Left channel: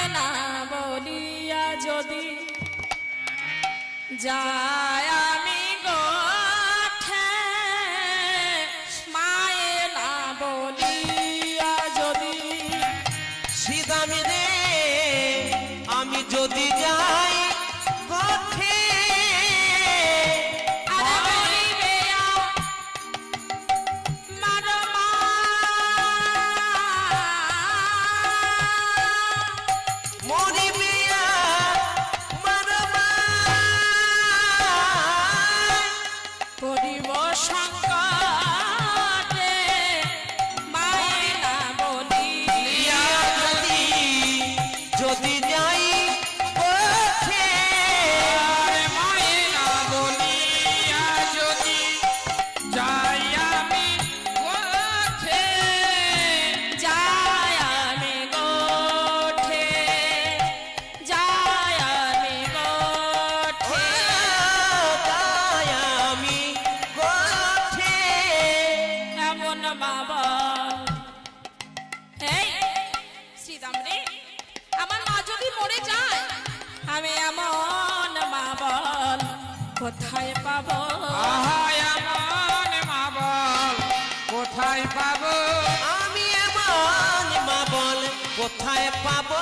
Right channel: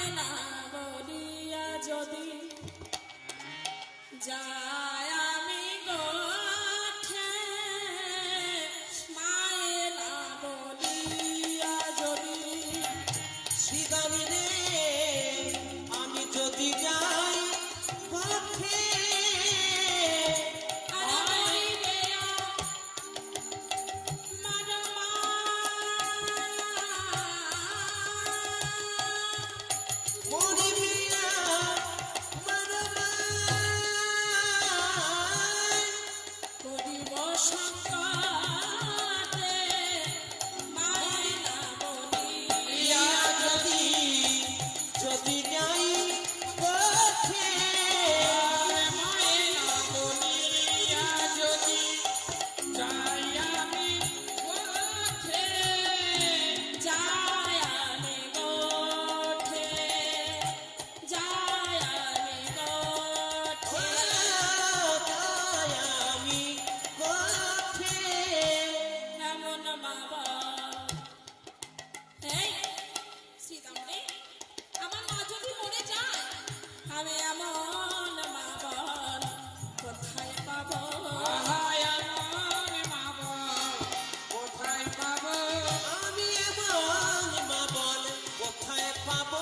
মায়ে না বলিয়া যদি যায় আমি গোঠে মায়ে না বলিয়া যদি সিদামি রে আমি যদি যাই গোঠে কোথায় পাবো এমন মা বল কোথায় পাবো আমি এমন মা বল কোথায় পাবো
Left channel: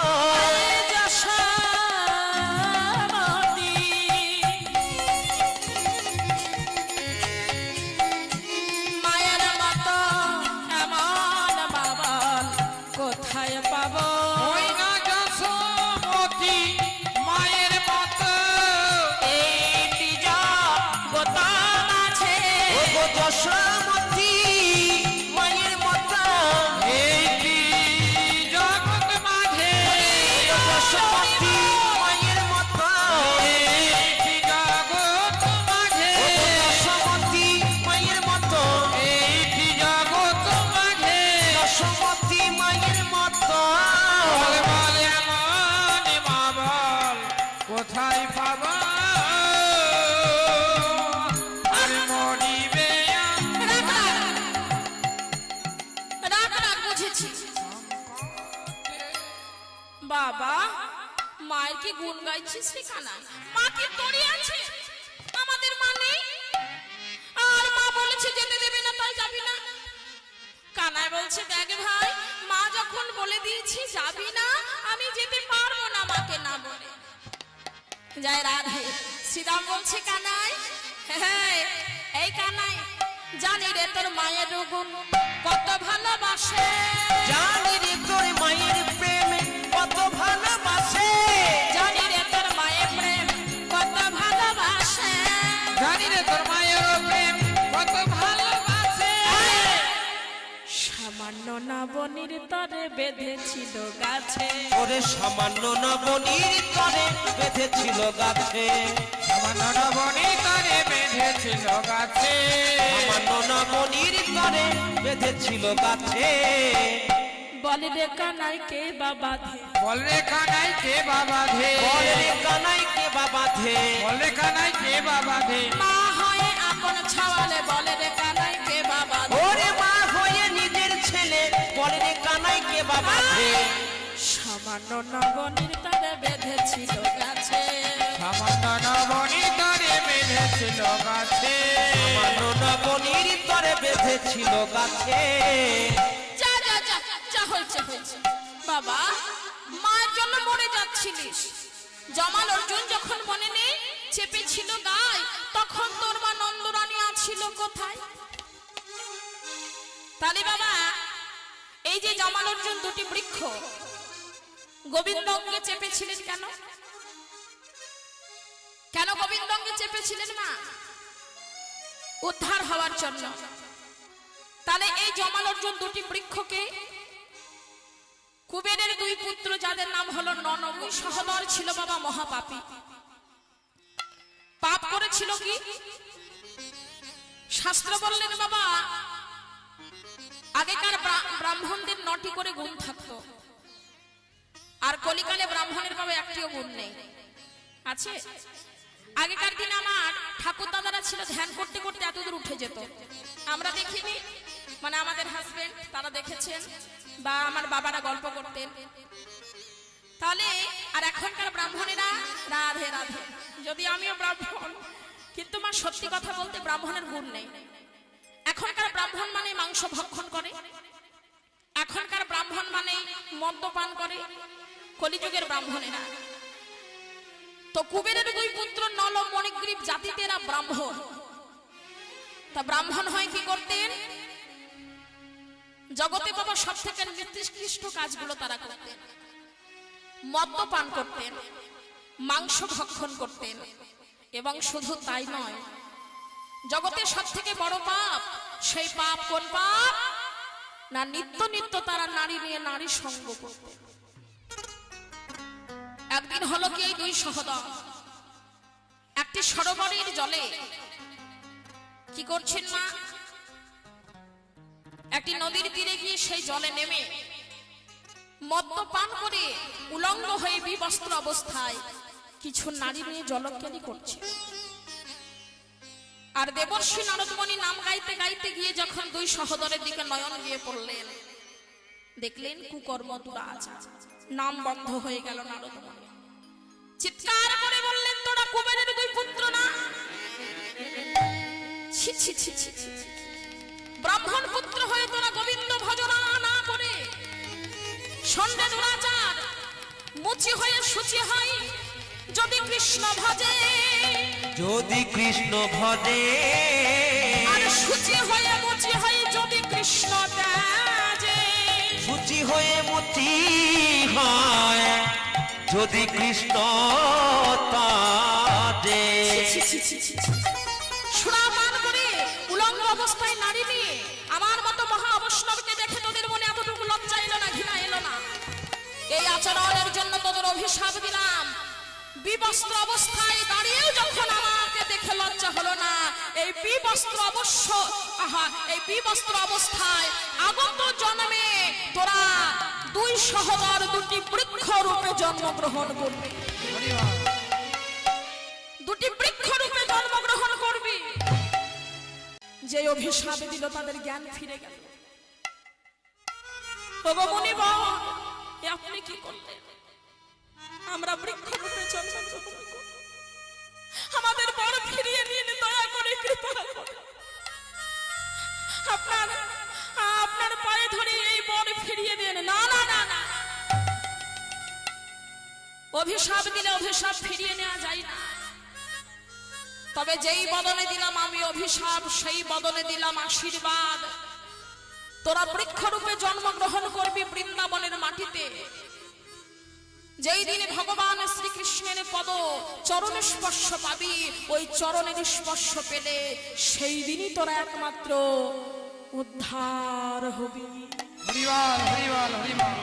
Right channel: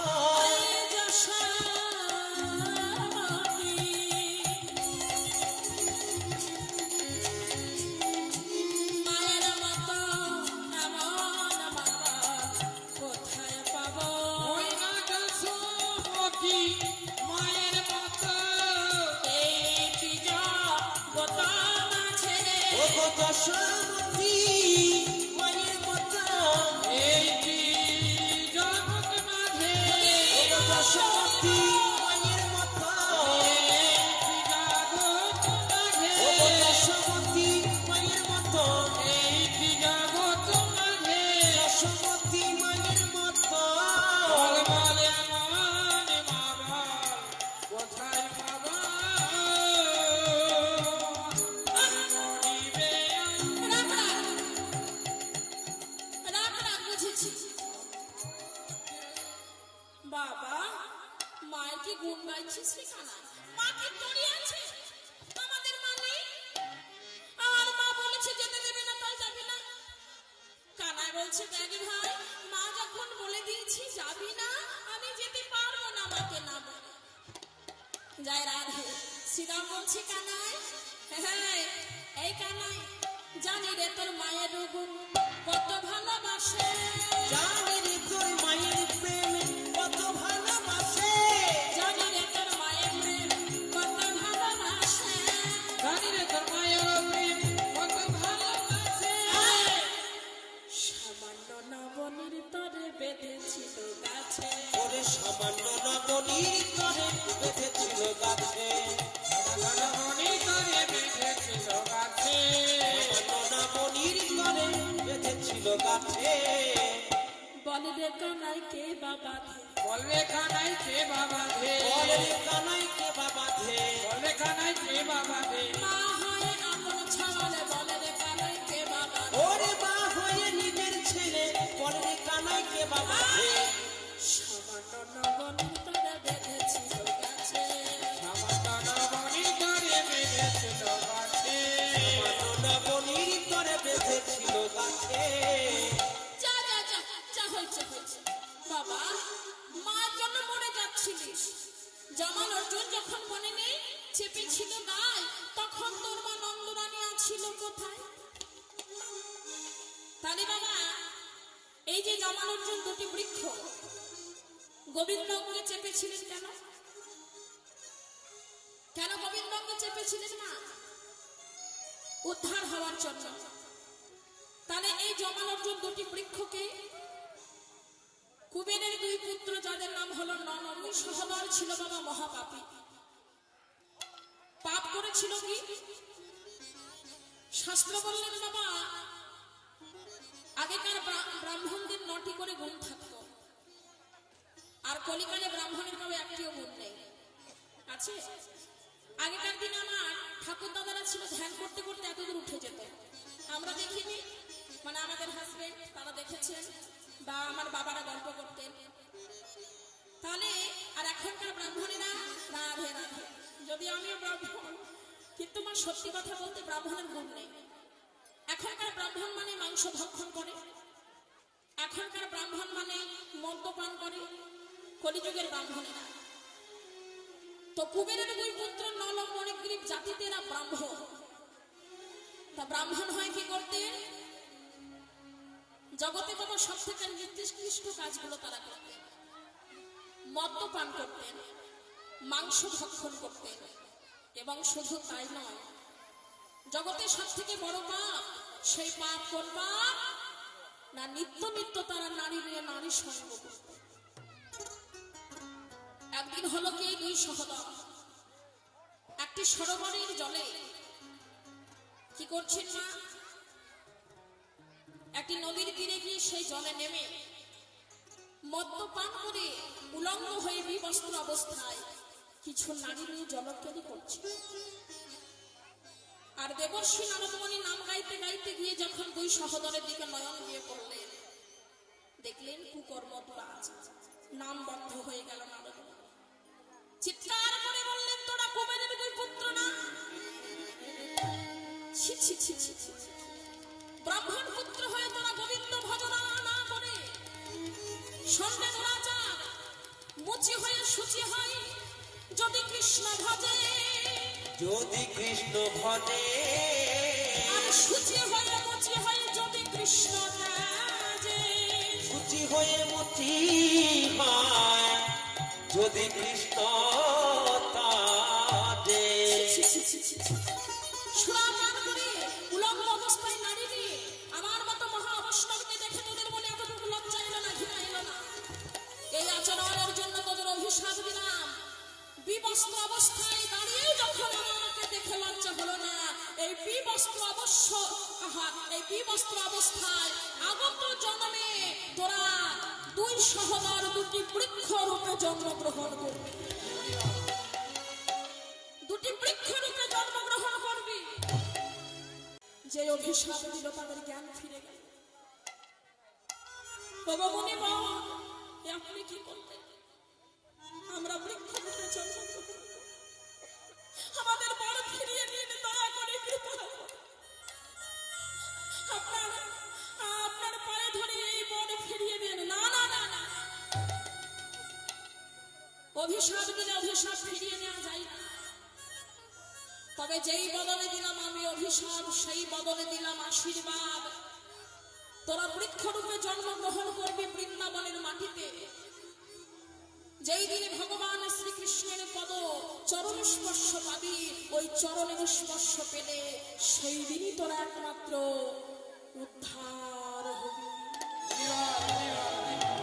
মায়ের মতো এমন মা বল কোথায় পাবো ওই না যশোমতী মায়ের মতো এইটি জগৎ মাঝে ও গো দশমতী মায়ের মতো এইটি জগৎ মাঝে দশমতী মায়ের মতো এইটি জগৎ মাঝে ও গো দশমতী মায়ের মতো এইটি জগৎ মাঝে দশমতী মায়ের মতো বল বল এমন মা বল কোথায় পাবো আর মরিবে বাবা মায়ের কি গুণ গাইছিস সেখানে মাকে তোরই আছে আমাদের মা নেই আর মা বলেছে যেতে দেবে না তাই যাবি না কানাই বলছে দেখ ভাই মা যখন বলে দিয়েছি যাবি না আমি যেতে পারবো না মাকে না বলে জয় রাধে শ্রীরাম বলছে কানাই হ্যাঁ এই কানাই জানি রে তোর মায়ের গুণ কত ভালোবাসে জানি রে তোর মায়ের প্রেম কত ভালোবাসে জানি রে তোর মায়ের প্রেম কত ভালোবাসে জানি রে তোর মায়ের প্রেম কত ভালোবাসে সামান্য নবনীর তরে বেঁধেছিল গাছে ওরে সামান্য নবনীর তরে বেঁধেছিল গাছে সামান্য নবনীর তরে বেঁধেছিল গাছে সামান্য নবনীর তরে বেঁধেছিল গাছে বলে রে কানাই কে বাবা ধে বল রে কানাই কে বাবা ধে বলে রে কানাই কে বাবা ধে বল রে কানাই কে বাবা ধে মা হয়ে আপন ছাওয়ালে বলে রে কানাই কে বাবা ধে ওরে মা হয়ে নিজের ছেলে বলে রে কানাই কে বাবা ধে সামান্য নবনীর তরে বেঁধেছিল গাছে সামান্য নবনীর তরে বেঁধেছিল গাছে সামান্য নবনীর তরে বেঁধেছিল গাছে যা যা যা যা হয়েছে হয়েছে বাবা মায়ের জন্য মরে যাচ্ছিলিস জমাল অর্জুন যখন মনে নেই চেপেছিল গায়ে তখন তোর মা নন্দরানী আছিল কোথায় তাহলে বাবা এই যে জমাল অর্জুন দুটি বৃক্ষ গোবিন্দকে চেপেছিলেন কেন কেন গোবিন্দকে চেপেছিলেন মা উদ্ধার হওয়ার জন্য তাহলে এই জমাল অর্জুন দুটি বৃক্ষকে কুবেরের দুই পুত্র যাদের নাম হলো ননবী সহদর ছিল বাবা মহাপাপী পাপ করেছিল কি শাস্ত্র বললেন বাবা আগেকার ব্রাহ্মণদের 9টি করে গুণ থাকতো আর কলিকালে ব্রাহ্মণের বাবা একটিও গুণ নেই আছে আগেকার দিন আমার ঠাকুর দাদারা ছিল ধ্যান করতে করতে এতদূর উঠে যেত আমরা দেখিনি মানে আমাদের হাজবেন্ড তারা দেখেছেন বা আমার বাবারা গল্প করতেন তাহলে আর এখনকার ব্রাহ্মণেরা রাধে রাধে, যদি আমিও ব্রাহ্মণ, কিন্তু মা সত্যি কথা বলতে ব্রাহ্মণের গুণ নেই। এখনকার ব্রাহ্মণ মানে মাংস ভক্ষণ করে, এখনকার ব্রাহ্মণ মানে মদ্যপান করে, কলিযুগের ব্রাহ্মণেরা। তো কুবেরের দুই পুত্র নল ও মণিগ্রীব জাতিতে এরা ব্রাহ্মণ। তা ব্রাহ্মণ হয় কি করতেন? জগতে বাবা সব থেকে নিকৃষ্ট কাজগুলো তারা করতেন। মদ্যপান করতেন, মাংস ভক্ষণ করতেন, এবং শুধু তাই নয়, জগতের সব থেকে বড় পাপ, সেই পাপ কোন পাপ না? নিত্য নিত্য তারা নারী নিয়ে নারী সঙ্গ করতেন। একদিন হলো কি, এই দুই সহোদর একটি সরোবরের জলে কি করছেন মা? একটি নদীর তীরে গিয়ে সেই জলে নেমে মদ্যপান করে উলঙ্গ হয়ে বিবস্ত্র অবস্থায় কিছু নারী নিয়ে জলকেলি করছে। আর দেবশ্রী নারদমণি নাম গাইতে গাইতে গিয়ে যখন দুই সহোদরের দিকে নয়ন দিয়ে পড়লেন, দেখলেন কুকর্ম দুরাজ, নাম বন্ধ হয়ে গেল। নারদমণি চিৎকার করে বললেন, তোরা কুবেরের দুই পুত্র না? ছি ছি ছি ছি ছি। ব্রাহ্মণ পুত্র হয়ে তোরা গোবিন্দ ভজনা না করে সন্ধ্যে দুরাচার, মুচি হয়ে সূচি হয় যদি কৃষ্ণ ভজে, যদি কৃষ্ণ ভজে, আর সূচি হয়ে মুচি হয় যদি কৃষ্ণ ত্যাজে, সূচি হয়ে মুচি হয় যদি কৃষ্ণ তাজে। সুরাপান করে উলঙ্গ অবস্থায় নারী নিয়ে আমার মতো মহা অবৈষ্ণবকে দেখে তোদের মনে এতটুকু লজ্জা এলো না, ঘৃণা এলো না? এই আচরণের জন্য তোদের অভিশাপ দিলাম। বিবস্ত্র অবস্থায় দাঁড়িয়েও যখন আমাকে দেখে লজ্জা হলো না, এই বিবস্ত্র এই বিবস্ত্র অবস্থায় আগত জন্মে তোরা দুই সহোদর দুটি বৃক্ষ রূপে জন্মগ্রহণ করবে, দুটি বৃক্ষ রূপে জন্মগ্রহণ করবি। যে অভিশাপ দিল তাদের জ্ঞান ফিরে গেল। ভগবানী বাবা, আপনি কি করলেন? আমরা বৃক্ষ রূপে জন্মগ্রহণ করব, আমাদের বর ফিরিয়ে নিন, দয়া করে কৃপা করে। আপনার পায়ে ধরে এই বর ফিরিয়ে দেন। না না না না, অভিশাপ দিলে অভিশাপ ফিরিয়ে নেওয়া যায় না। তবে যেই বদলে দিলাম আমি অভিশাপ, সেই বদলে দিলাম আশীর্বাদ। তোরা বৃক্ষরূপে জন্মগ্রহণ করবি বৃন্দাবনের মাটিতে। যেই দিনে ভগবান শ্রীকৃষ্ণের পদ চরণ স্পর্শ পাবি, ওই চরণের স্পর্শ পেলে সেই দিনই তোরা একমাত্র উদ্ধার হবি। হরিবল হরিবল হরিবল।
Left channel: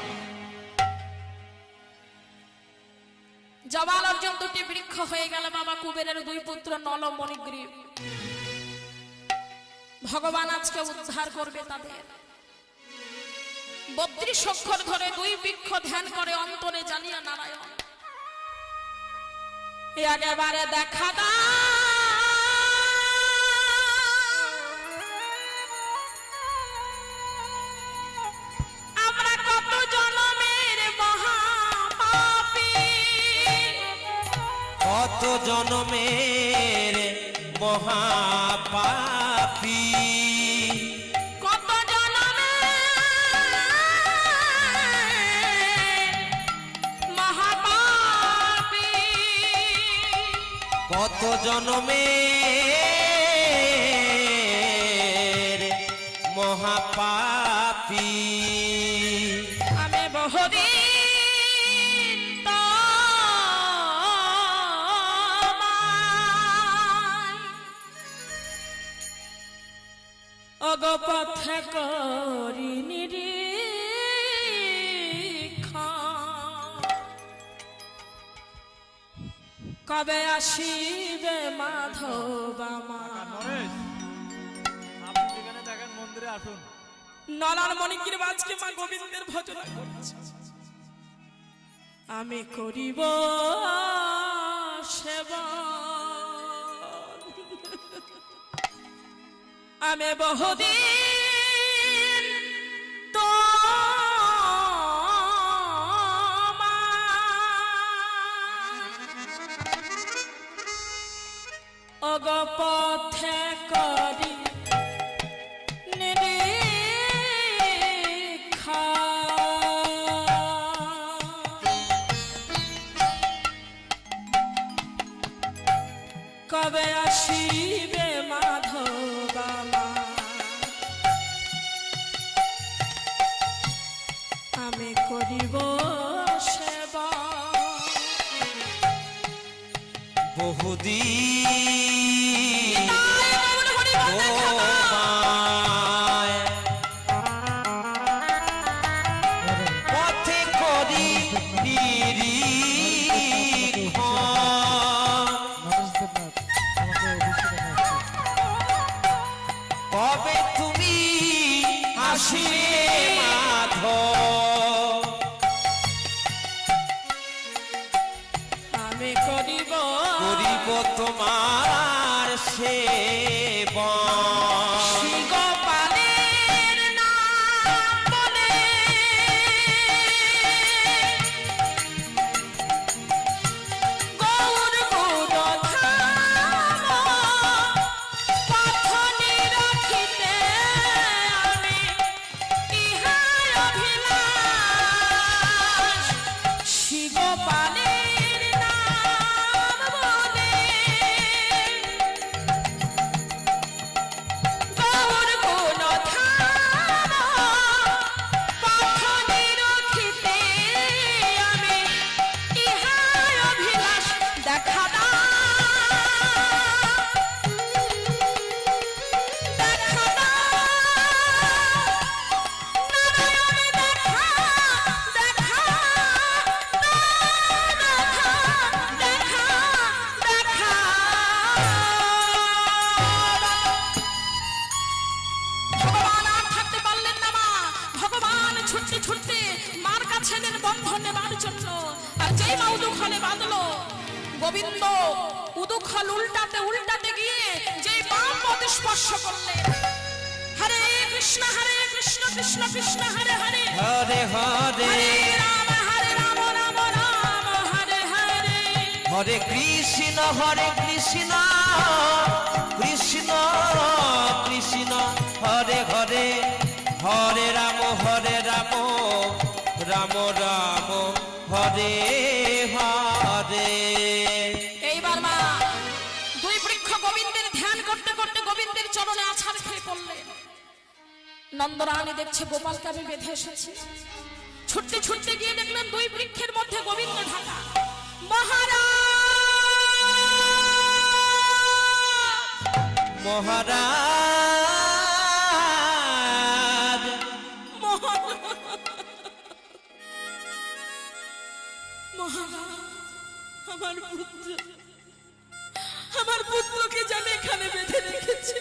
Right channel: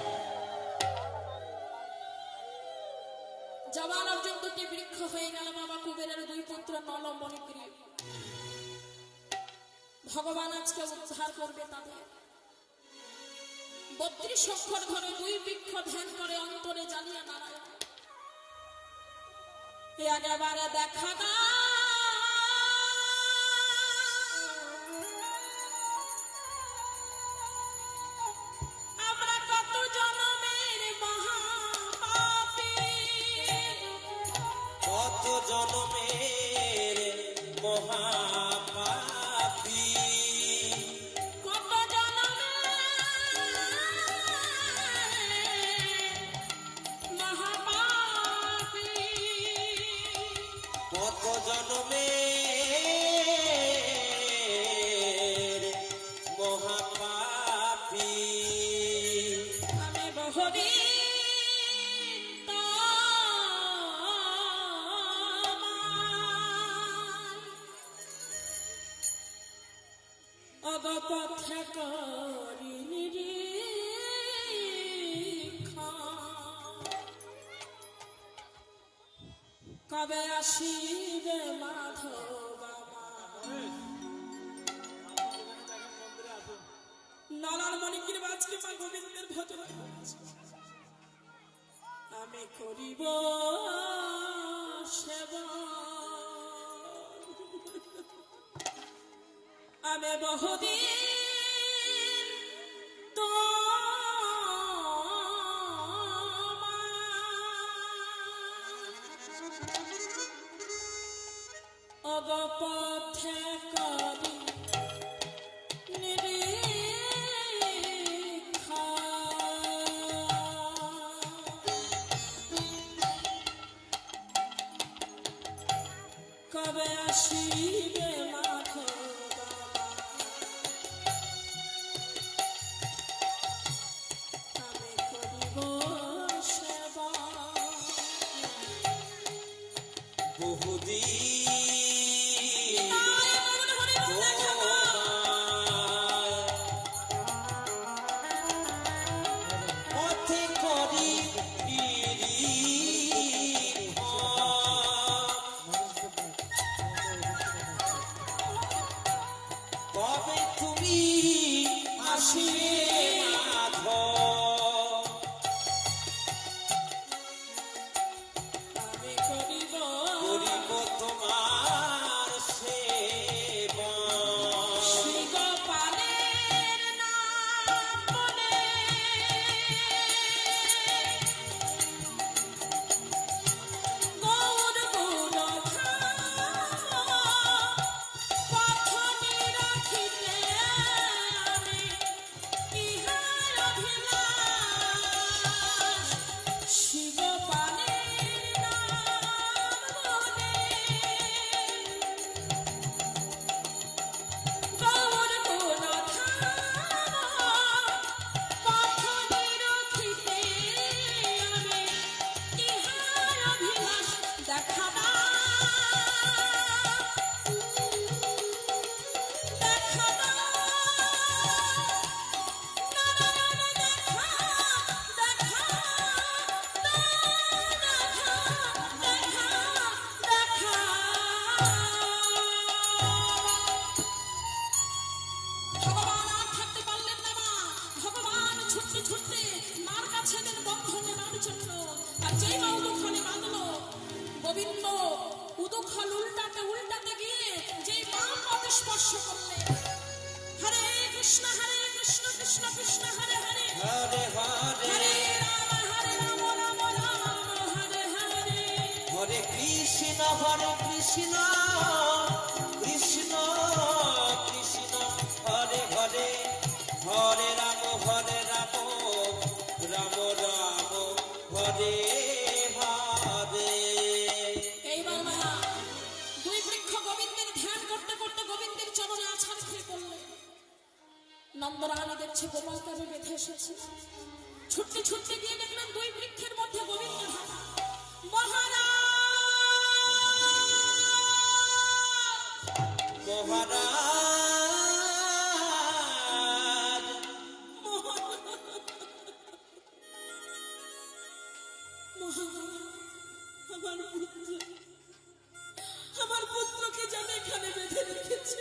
জবাল অর্জন দুটি বৃক্ষ হয়ে গেল বাবা কুবেরের দুই পুত্র নল ও মণিগ্রীব। ভগবান আজকে উদ্ধার করবে তাদের। 32 অক্ষর ধরে দুই বৃক্ষ ধ্যান করে অন্তরে জানিয়া নারায়ণ, একেবারে দেখা দা আমরা কত জনমের মহাপাপী, কত জনমের মহাপাপী, কত জনমের মহাপাপী, কত জনমের মহাপাপী। আমি বহুদিন অগপথে করি নিরীক্ষণ, কবে আসিবে মাধব আমার। নলার মণিগ্রীব আজকে মা গোবিন্দের ভজনা করছে। আমি করিব সেবা, আমি বহুদিন তোমার শিবে মাধবা মা, আমি করিব সেবা। বহুদিন পথে করি কবে তুমি আসিবে মাধব, আমি করিব করিব তোমার সেবা। শ্রীগোপালের নাম বলে গৌর গুণধাম পথ নিরখিতে আমি ইহার অভিলাষ। শ্রীগোপালের নাম বলে গৌর গুণধাম পথ নিরখিতে আমি ইহার অভিলাষ। দেখা দাও, দেখা দাও, নারায়ণ দেখা, দেখা, দেখা, দেখা, ভগবান আর থাকতে পারলেন না মা। ভগবান ছুটতে ছুটতে মার কাছে এলেন বন্ধন নেবার জন্য। আর যেই মা উদুখলে বাঁধলো, গোবিন্দ উদুখল উল্টাতে উল্টাতে গিয়ে যেই মা পদ স্পর্শ করলেন, হরে কৃষ্ণ কৃষ্ণ কৃষ্ণ হরে হরে, হরে হরে হরে রাম রাম রাম হরে হরে। হরে কৃষ্ণ কৃষ্ণ কৃষ্ণ হরে হরে, হরে রাম রাম রাম হরে হরে। এইবার মা দুই বৃক্ষ গোবিন্দের ধ্যান করতে করতে গোবিন্দের চরণে আছাড় খেয়ে পড়লেন। নন্দরানী দেখছে গোপালকে আমি বেঁধে এসেছি। ছুটতে ছুটতে গিয়ে দেখলেন দুই বৃক্ষের মধ্যে গোবিন্দ ঢাকা। মহারাজ আমার পুত্রকে যেন এখানে বেঁধে রেখেছি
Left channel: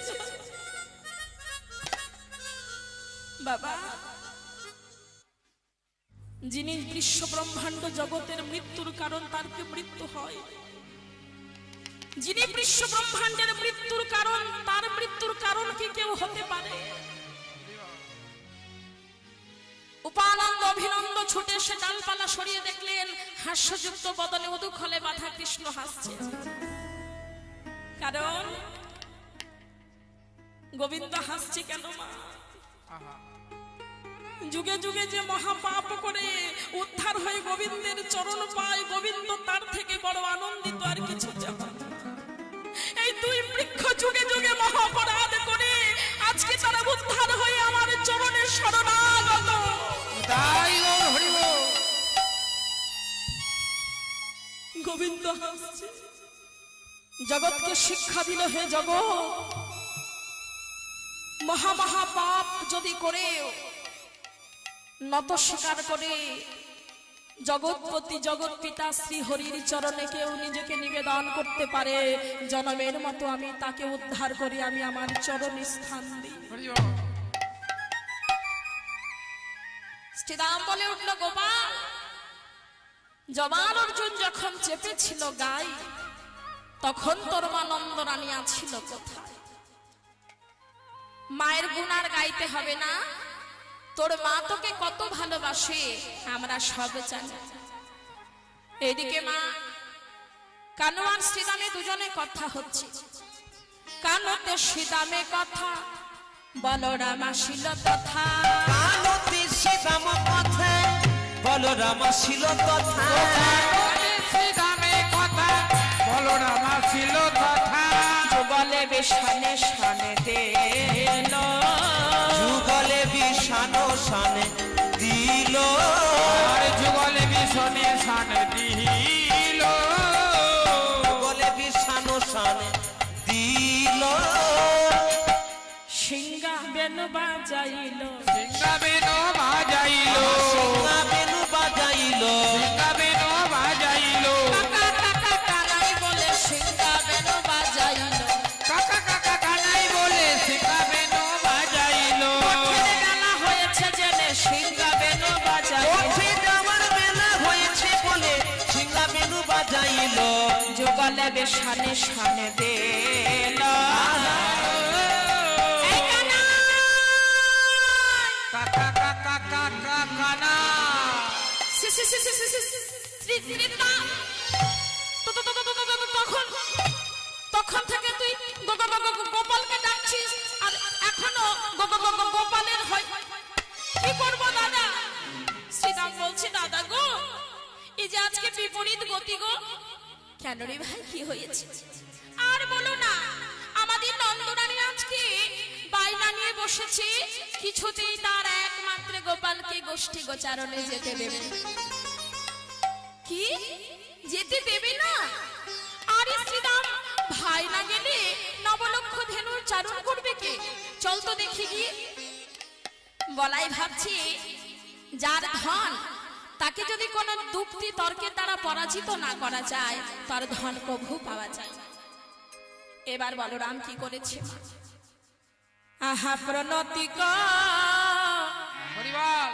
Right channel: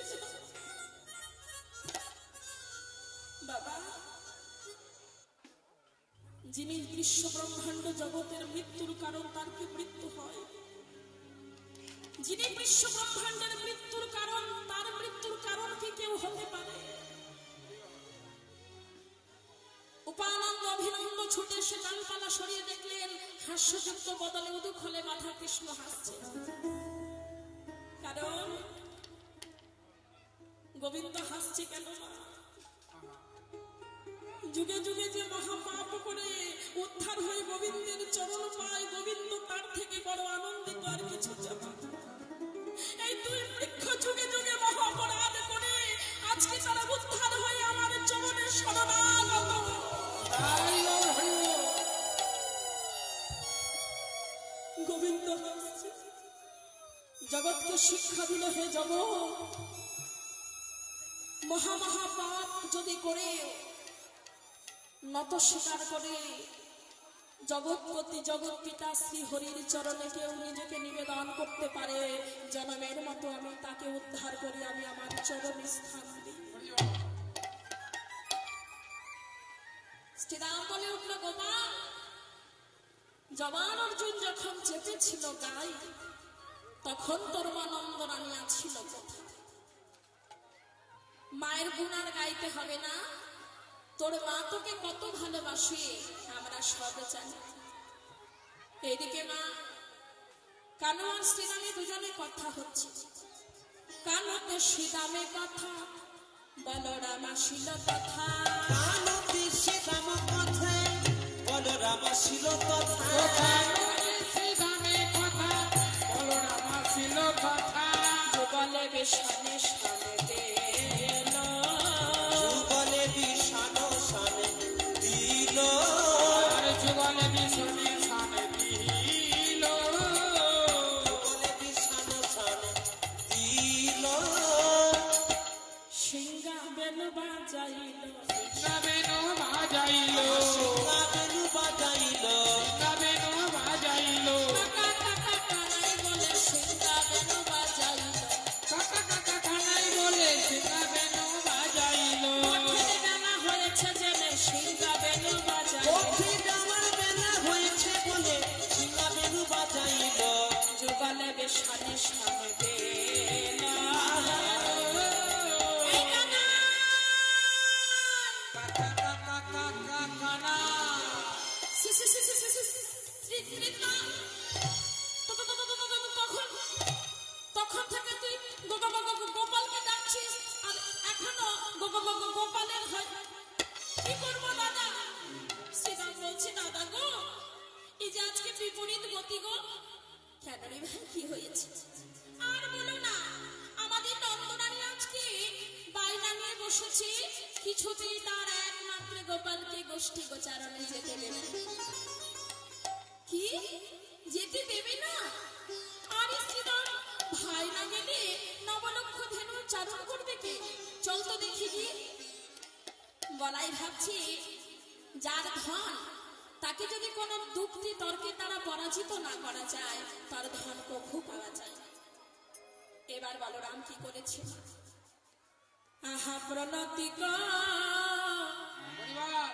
বাবা। যিনি বিশ্ব ব্রহ্মাণ্ড জগতের মৃত্যুর কারণ, তার কি মৃত্যু হয়? যিনি বিশ্ব ব্রহ্মাণ্ডের মৃত্যুর কারণ, তার মৃত্যুর কারণ কি কেউ হতে পারে? উপানন্দ অভিনন্দ ছুটে এসে ডালপালা সরিয়ে দেখলেন হাস্যযুক্ত বদলে উদুখলে বাঁধা কৃষ্ণ হাসছে। কারণ গোবিন্দ হাসছে কেন মা? যুগে যুগে যে মহাপাপ করে উদ্ধার হয়ে গোবিন্দের চরণ পায়, গোবিন্দ তার থেকে বড় আনন্দিত আর কিছু যাবে না। এই দুই বৃক্ষ যুগে যুগে মহাপরাধ করে আজকে তারা উদ্ধার হয়ে আমার চরণের শরণাগত। তাই গৌর হরি বল। গোবিন্দ হাসছে, জগৎকে শিক্ষা দিল, হে জগৎ, মহা পাপ যদি করে নত স্বীকার করে জগৎপতি জগৎ পিতা শ্রী হরির চরণে কেউ নিজেকে নিবেদন করতে পারে, জনমের মতো আমি তাকে উদ্ধার করি, আমি আমার চরণ স্থান দিই। হরি বল। শ্রীরাম বলে উঠল, গোপাল, জবান অর্জুন যখন চেপেছিল গাই, তখন তোর মা নন্দরানী আছিল কোথায়? মায়ের গুণার গাইতে হবে না? তোর মা তোকে কত ভালোবাসে আমরা সব জানি। এদিকে মা কানু আর শ্রীরামে দুজনে কথা হচ্ছে। কানুতে শ্রীরামে কথা, বলরাম আসিল তথা। কানতে শ্রীরাম কথা, বলরাম আসিল তথা। শ্রীরামে কথা, বলরাম আসিল তথা। যুব বেশানে শানে দিল যুগলে বিষানো সানে দিল আর যুগলে বিষণে শান দিল যুগলে বিষানো সানে দিল সিংহা বেনু বাজাইল সিংহাবেন বাজাইল সিংহা বেনু বাজাইল সিংহাবেন বাজাইল কাকা কাকা কানাই বলে সিংহা বেনু বাজাইল কাকা কাকা কানাই বলে সিংহাবেন বাজাইল পথের বেলা হয়েছে জেনে সিংহা বেনু বাজাইল পথে যাওয়ার বেলা হয়েছে বলে সিংহা বেনু বাজাইল যুগলে বেশানে শানে দিল এই কানাই! কাকা কাকা কাকা কানা সি, সি, সি, সি, সি, সি, সি, রীতা! তখন তখন থেকে তুই গোপালকে ডাকছিস আর এখনো গোপালের হয় কি করবো দাদা? শ্রীরাম বলছে দাদা গো এই যে আজকে বিপরীত গতি গো। কেন রে ভাই কি হয়েছে? আর বলো না, আমাদের নন্দরানী আজকে বাইনা নিয়ে বসেছে কিছুতেই তার একমাত্র গোপালকে গোষ্ঠী গোচারণে যেতে দেবে না। কি যেতে দেবে না? আর শ্রীরাম ভাই না গেলে নবলক্ষ ধেনুর চারণ করবে কে? চল তো দেখি গিয়ে। বলাই ভাবছি যার ধন তাকে যদি কোনো যুক্তি তর্কের দ্বারা পরাজিত না করা যায় তার ধন কভু পাওয়া যায় না। এবার বলরাম কি করেছে? আহা প্রণতি হরিবল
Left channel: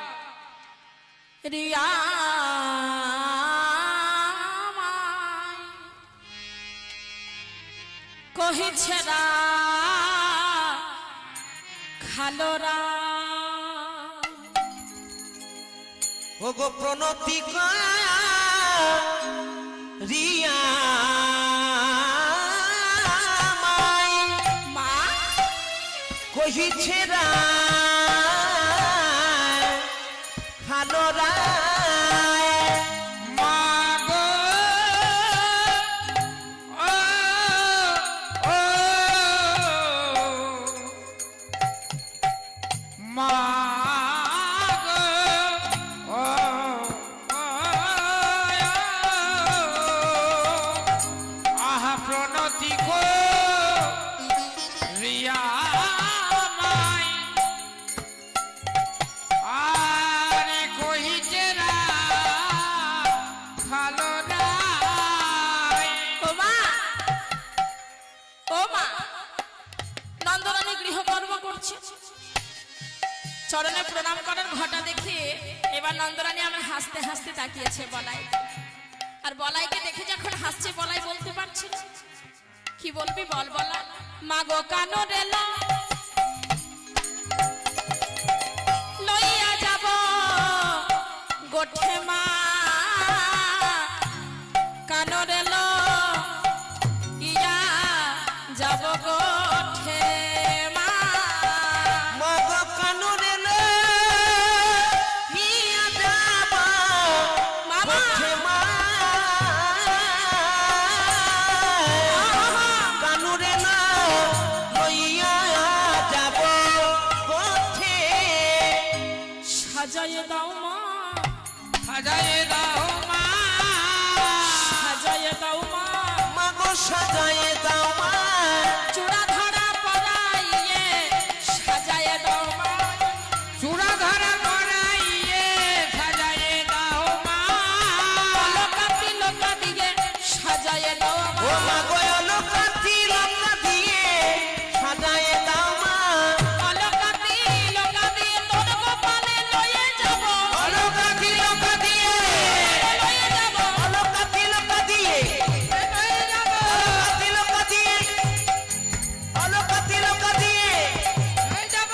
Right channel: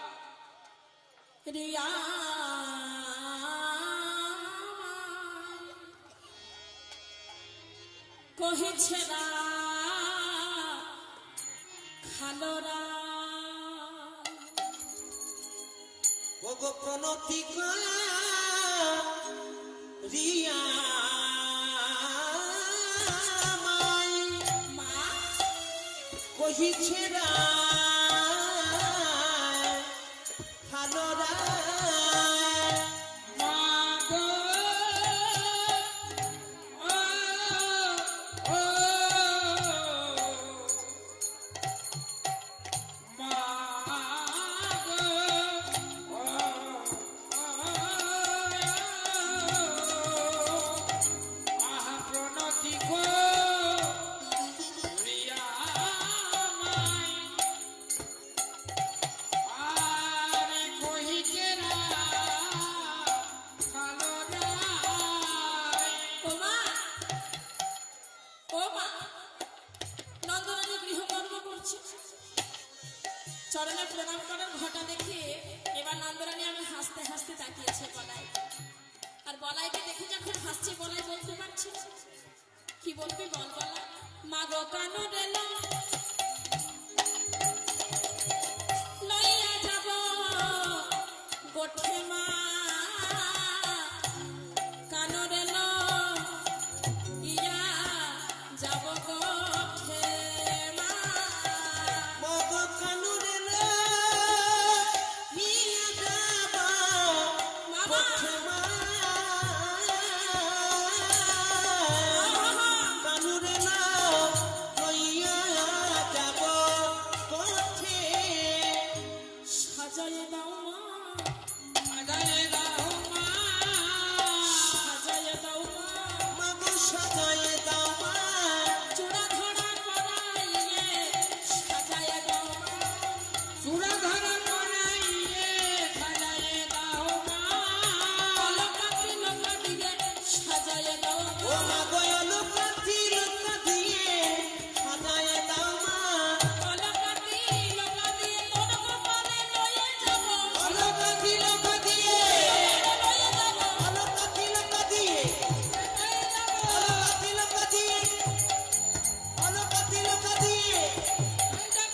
রিয়া কহিছে না খালোরা ওগো প্রণতি রিয়া মাই মা কহিছে রা ভালো মাগো ও ও মাগো ও আহা প্রণতি গো রিয়া মাই আরে কহিছে না ভালো নাই ও মা ও মা নন্দরানী গৃহকর্ম করছে চরণে প্রণাম করার ঘটা দেখে এবার নন্দরানী আমার হাসতে হাসতে তাকিয়েছে বলাই। আর বলাইকে দেখে যখন হাসছে বলাই বলতে পারছে না। কি বলবি বল বলা? মাগো কানো রেলা লইয়া যাব গোঠে মা কানো রেলা ইয়া যাব গোঠে মা মগ কানুরে নিয়া যাবা মামা গোঠে মা কানুরে না লইয়া যাব গোঠে সাজায় দাও মা সাজায়ে দাও মা সাজায় দাও মা মগ সাজায়ে দাও মা চূড়া ধরা পরাইয়ে সাজায় দাও মা চূড়া ধরা করাইয়ে সাজায়ে দাও মা লোকাতি লোকা দিয়ে সাজায় দাও ও মা মা গো লোকাতি লোকা দিয়ে সাজায়ে দাও মা লোকাতি লোকা দিয়ে তোর গোপালে লয়ে যাব লোকাতি লোকা দিয়ে লয়ে যাব লোকাতি লোকা দিয়ে লয়ে যাব লোকাতি লোকা দিয়ে লোকাতি লোকা দিয়ে হয়ে যাব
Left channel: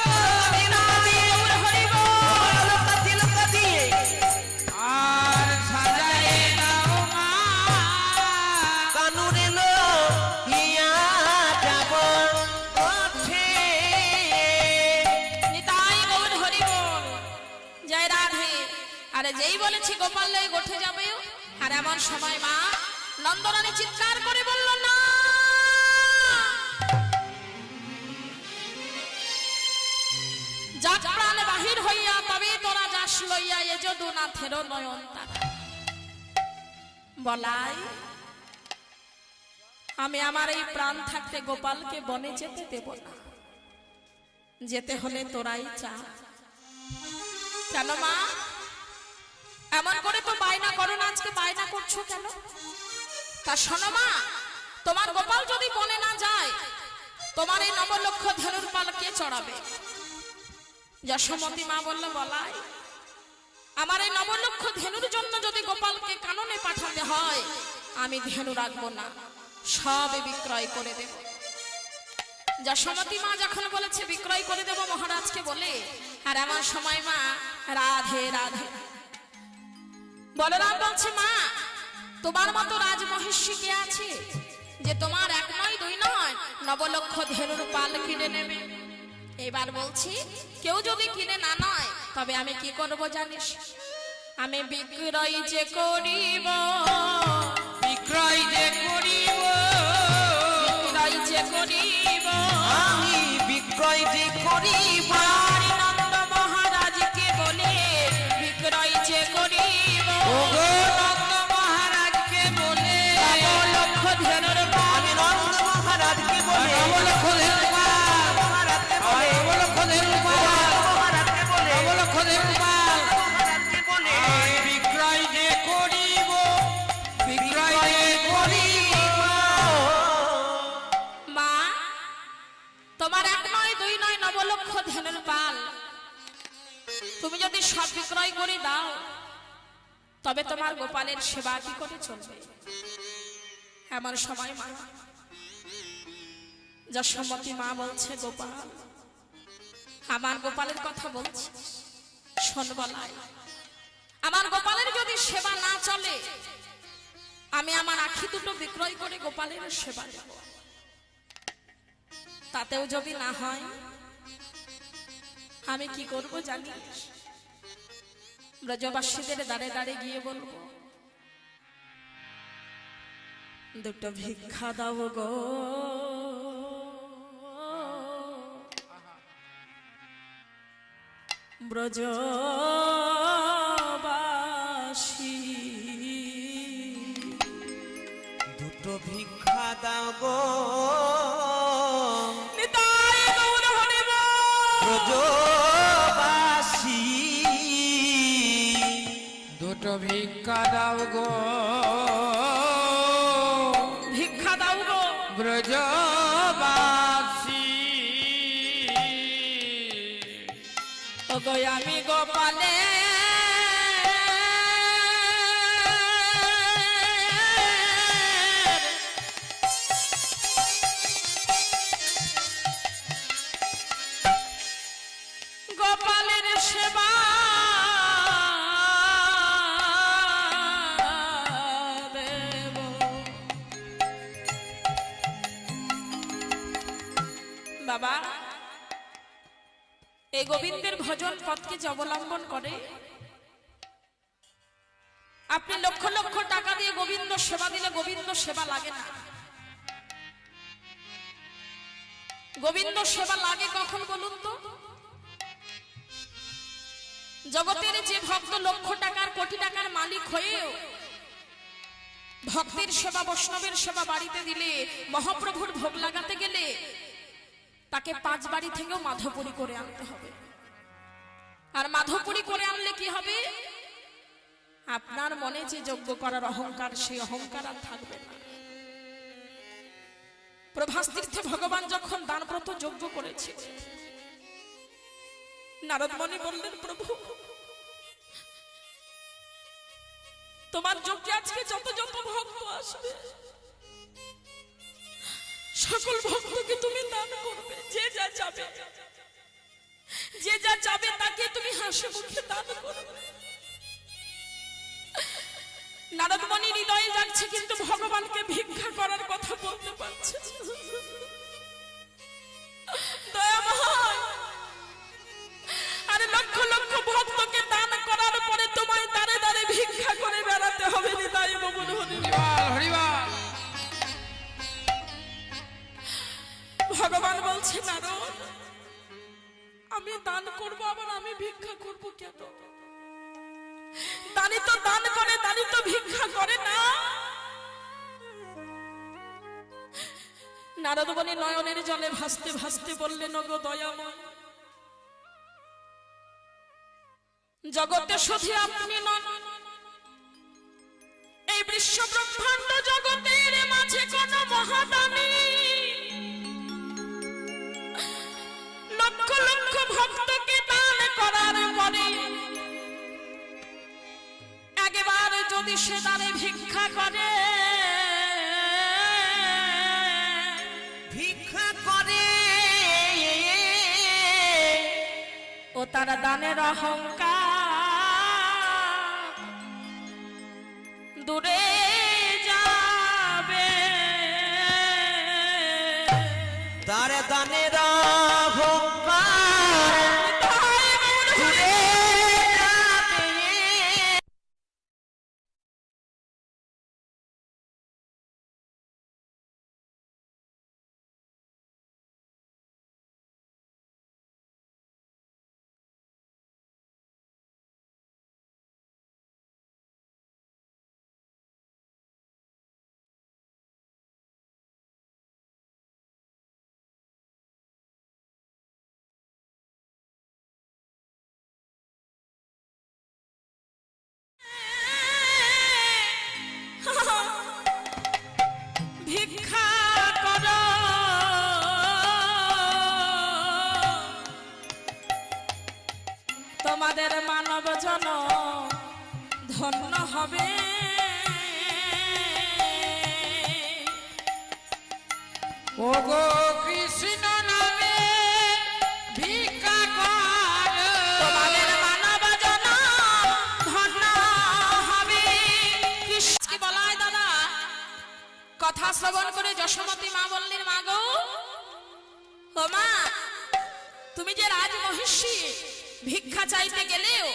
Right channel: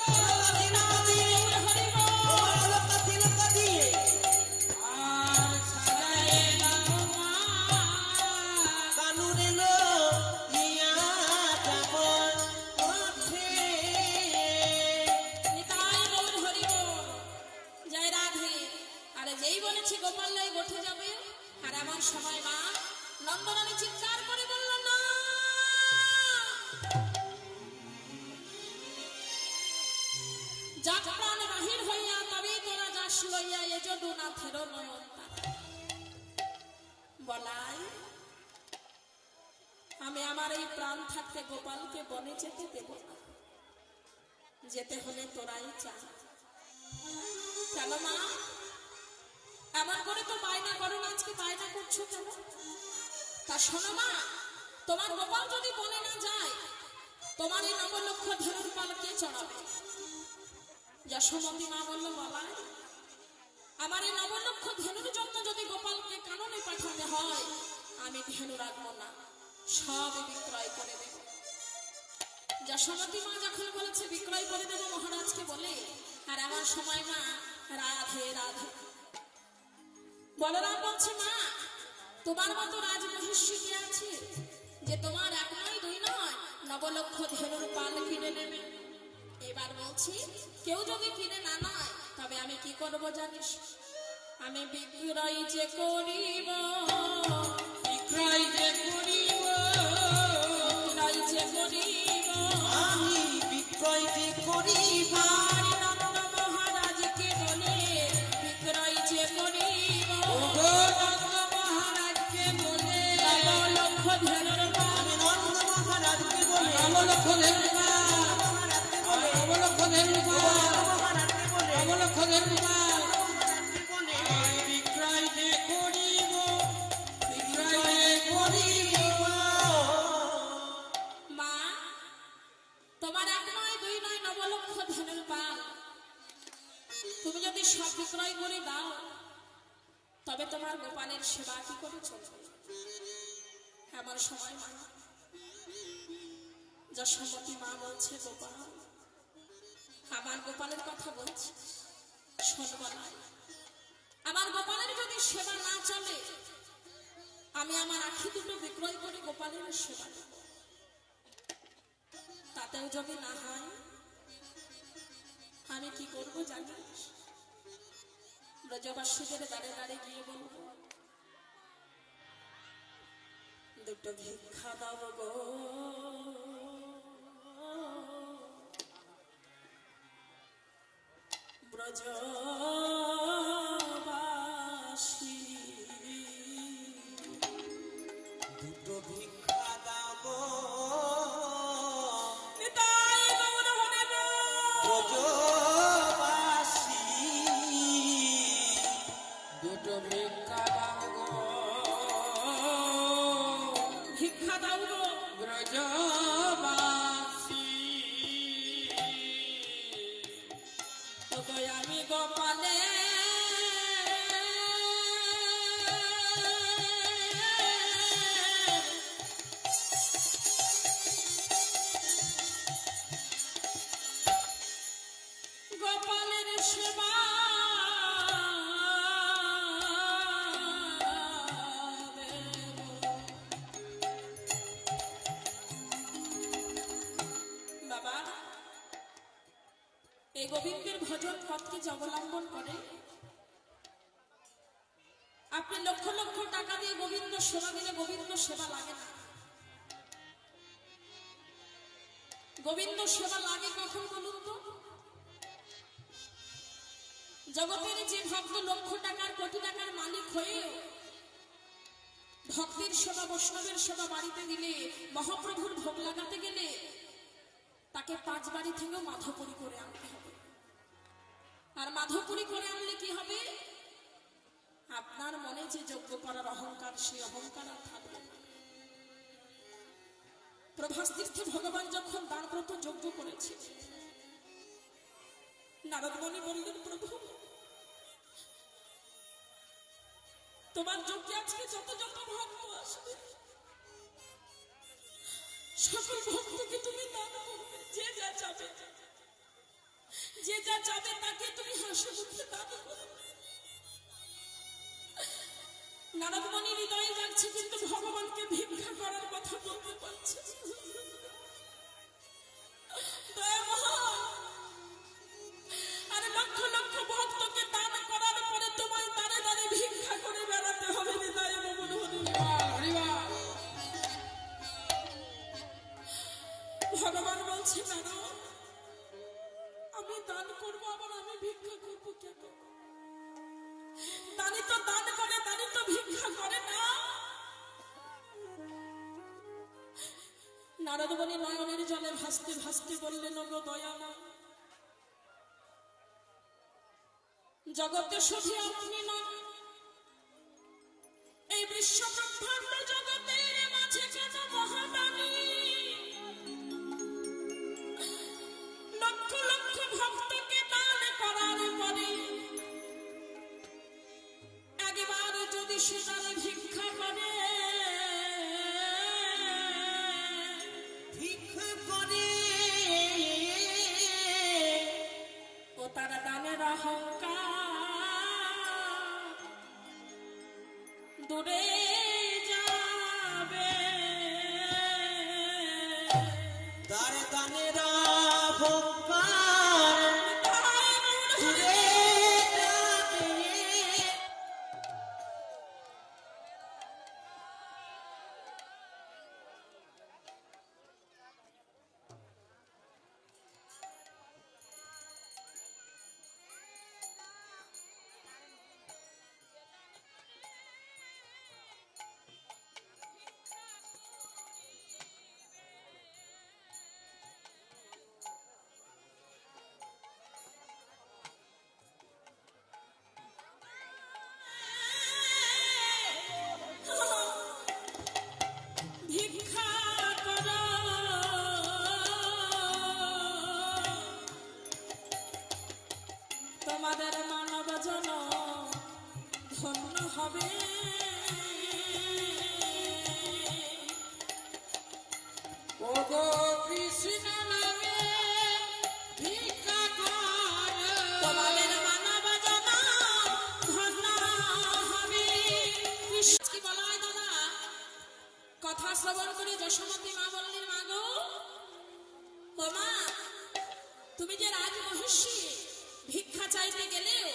লোকাতি লোকা দিয়ে আর সাজায়ে দাও মা কানুরে লো হিয়া যাব ওঠে নিতাই গৌর হরি বল জয় রাধে। আরে যেই বলেছি গোপাল লয়ে গোঠে যাবে আর এমন সময় মা নন্দরানী চিৎকার করে বলল না যদুনাথের নয়ন তারা। বলাই, আমি আমার এই প্রাণ থাকতে গোপালকে বনে যেতে দেব না, যেতে হলে তোরাই চা। কেন মা এমন করে তো বায়না করো না, আজকে বায়না করছো কেন? তা শোনো মা, তোমার গোপাল যদি বনে না যায়, তোমার এই নবলক্ষ ধনুর পাল কে চড়াবে? যশোমতী মা বলল, বলাই, আমার এই নবলক্ষ ধেনুর জন্য যদি গোপালকে কাননে পাঠাতে হয়, আমি ধেনু রাখবো না, সব বিক্রয় করে দেব। যশোমতী মা যখন বলেছে বিক্রয় করে দেব মহারাজকে বলে, আর এমন সময় মা রাধে রাধে বলরাম বলছে, মা তোমার মতো রাজমহিষী কে আছে যে তোমার এক নয় দুই নয় নবলক্ষ ধেনুর পাল কিনে নেবে? এবার বলছি, কেউ যদি কিনে না নয়, তবে আমি কি করব জানিস? আমি বিক্রয় যে করিব, বিক্রয় যে করিব, বিক্রয় যে করিব, আমি বিক্রয় যে করিব, নন্দ মহারাজকে বলে বিক্রয় যে করিব, ওগো নন্দ মহারাজকে বলে, নবলক্ষ ধেনুর পাল, আমি নন্দ মহারাজকে বলে, নবলক্ষ ধেনুর পাল, মহারাজকে বলে, নবলক্ষ ধেনুর পাল, মহারাজকে বলে, নবলক্ষ ধেনুর পাল, মহারাজকে বলে, আমি বিক্রয় যে করিব, বিক্রয় যে করিব। মা তোমার এক নয় দুই নয় নবলক্ষ ধেনুর পাল তুমি যদি সব বিক্রয় করে দাও, তবে তোমার গোপালের সেবা কি করে চলবে? এমন সময় মা যশোমতী মা বলছে, গোপাল, আমার গোপালের কথা বলছি শোন। বলাই, আমার গোপালের যদি সেবা না চলে, আমি আমার আখি দুটো বিক্রয় করে গোপালের সেবা দেব। তাতেও যদি না হয়, আমি কি করব জানিস? ব্রজবাসীদের দাঁড়ে দাঁড়ে গিয়ে বলবো, দুটো ভিক্ষা দাও গো, ব্রজবাসী, দুটো ভিক্ষা দাও গো, নিতাই গৌর হরি বল। ব্রজবাসী, দুটো ভিক্ষা দাও গো, ভিক্ষা দাও গো, ব্রজবাসী, ওগো আমি গোপালে গোপালের সেবা দেব। বাবা, এই গোবিন্দের ভজন পথকে যে অবলম্বন করে, আপনি লক্ষ লক্ষ টাকা দিয়ে গোবিন্দ সেবা দিলে গোবিন্দ সেবা লাগে না। গোবিন্দ সেবা লাগে কখন বলুন তো? জগতের যে ভক্ত লক্ষ টাকার কোটি টাকার মালিক হয়েও ভক্তের সেবা বৈষ্ণবের সেবা বাড়িতে দিলে, মহাপ্রভুর ভোগ লাগাতে গেলে তাকে 5 বাড়ি থেকেও মাধবপুরি করে আনতে হবে। আর মাধবপুরি করে আনলে কি হবে? আপনার মনে যে যজ্ঞ করার অহংকার, সেই অহংকার আর থাকবে না। প্রভাস তীর্থে ভগবান যখন দানব্রত যজ্ঞ করেছে, নারদ মুনি বললেন, প্রভু তোমার যজ্ঞে আজকে যত যত ভক্ত আসবে, সকল ভক্তকে তুমি দান করবে। যে যা চাবে, যে যা চাবে তাকে তুমি হাসি মুখে দান করবে। নারদ মুনি হৃদয়ে যাচ্ছে, কিন্তু ভগবানকে ভিক্ষা করার কথা বলতে পারছে না। দয়াময়, আরে লক্ষ লক্ষ ভক্তকে দান করার পরে তোমায় দাঁড়ে দাঁড়ে ভিক্ষা করে বেড়াতে হবে। নিতাই গৌর হরি বল। হরিবল। ভগবান বলছে, নারদ, আমি দান করব, আবার আমি ভিক্ষা করব কেন? নারদমণি নয়নের জলে ভাসতে ভাসতে বললেন, ওগো দয়াময়, জগতে শুধু আপনি নন, এই বিশ্ব ব্রহ্মাণ্ড জগতের মাঝে কোন মহাদানী লক্ষ লক্ষ ভক্তকে দান করার পরে একবার যদি সে দানে ভিক্ষা করে, ভিক্ষা করে, ও তার দানের অহংকার দূরে যাবে। তার দানের অহংকার ঘুরে যাবে। ভিক্ষা করো, তোমাদের মানব জন ধন্য হবে। ওগো কৃষ্ণ নামে ভিক্ষা কর, তোমাদের মানব জন ধন্য হবে। কি বলায় দাদা, কথা শ্রবণ করে যশোমতী মা বললেন, মা গো, ও মা, তুমি যে রাজ মহিষী, ভিক্ষা চাইতে গেলেও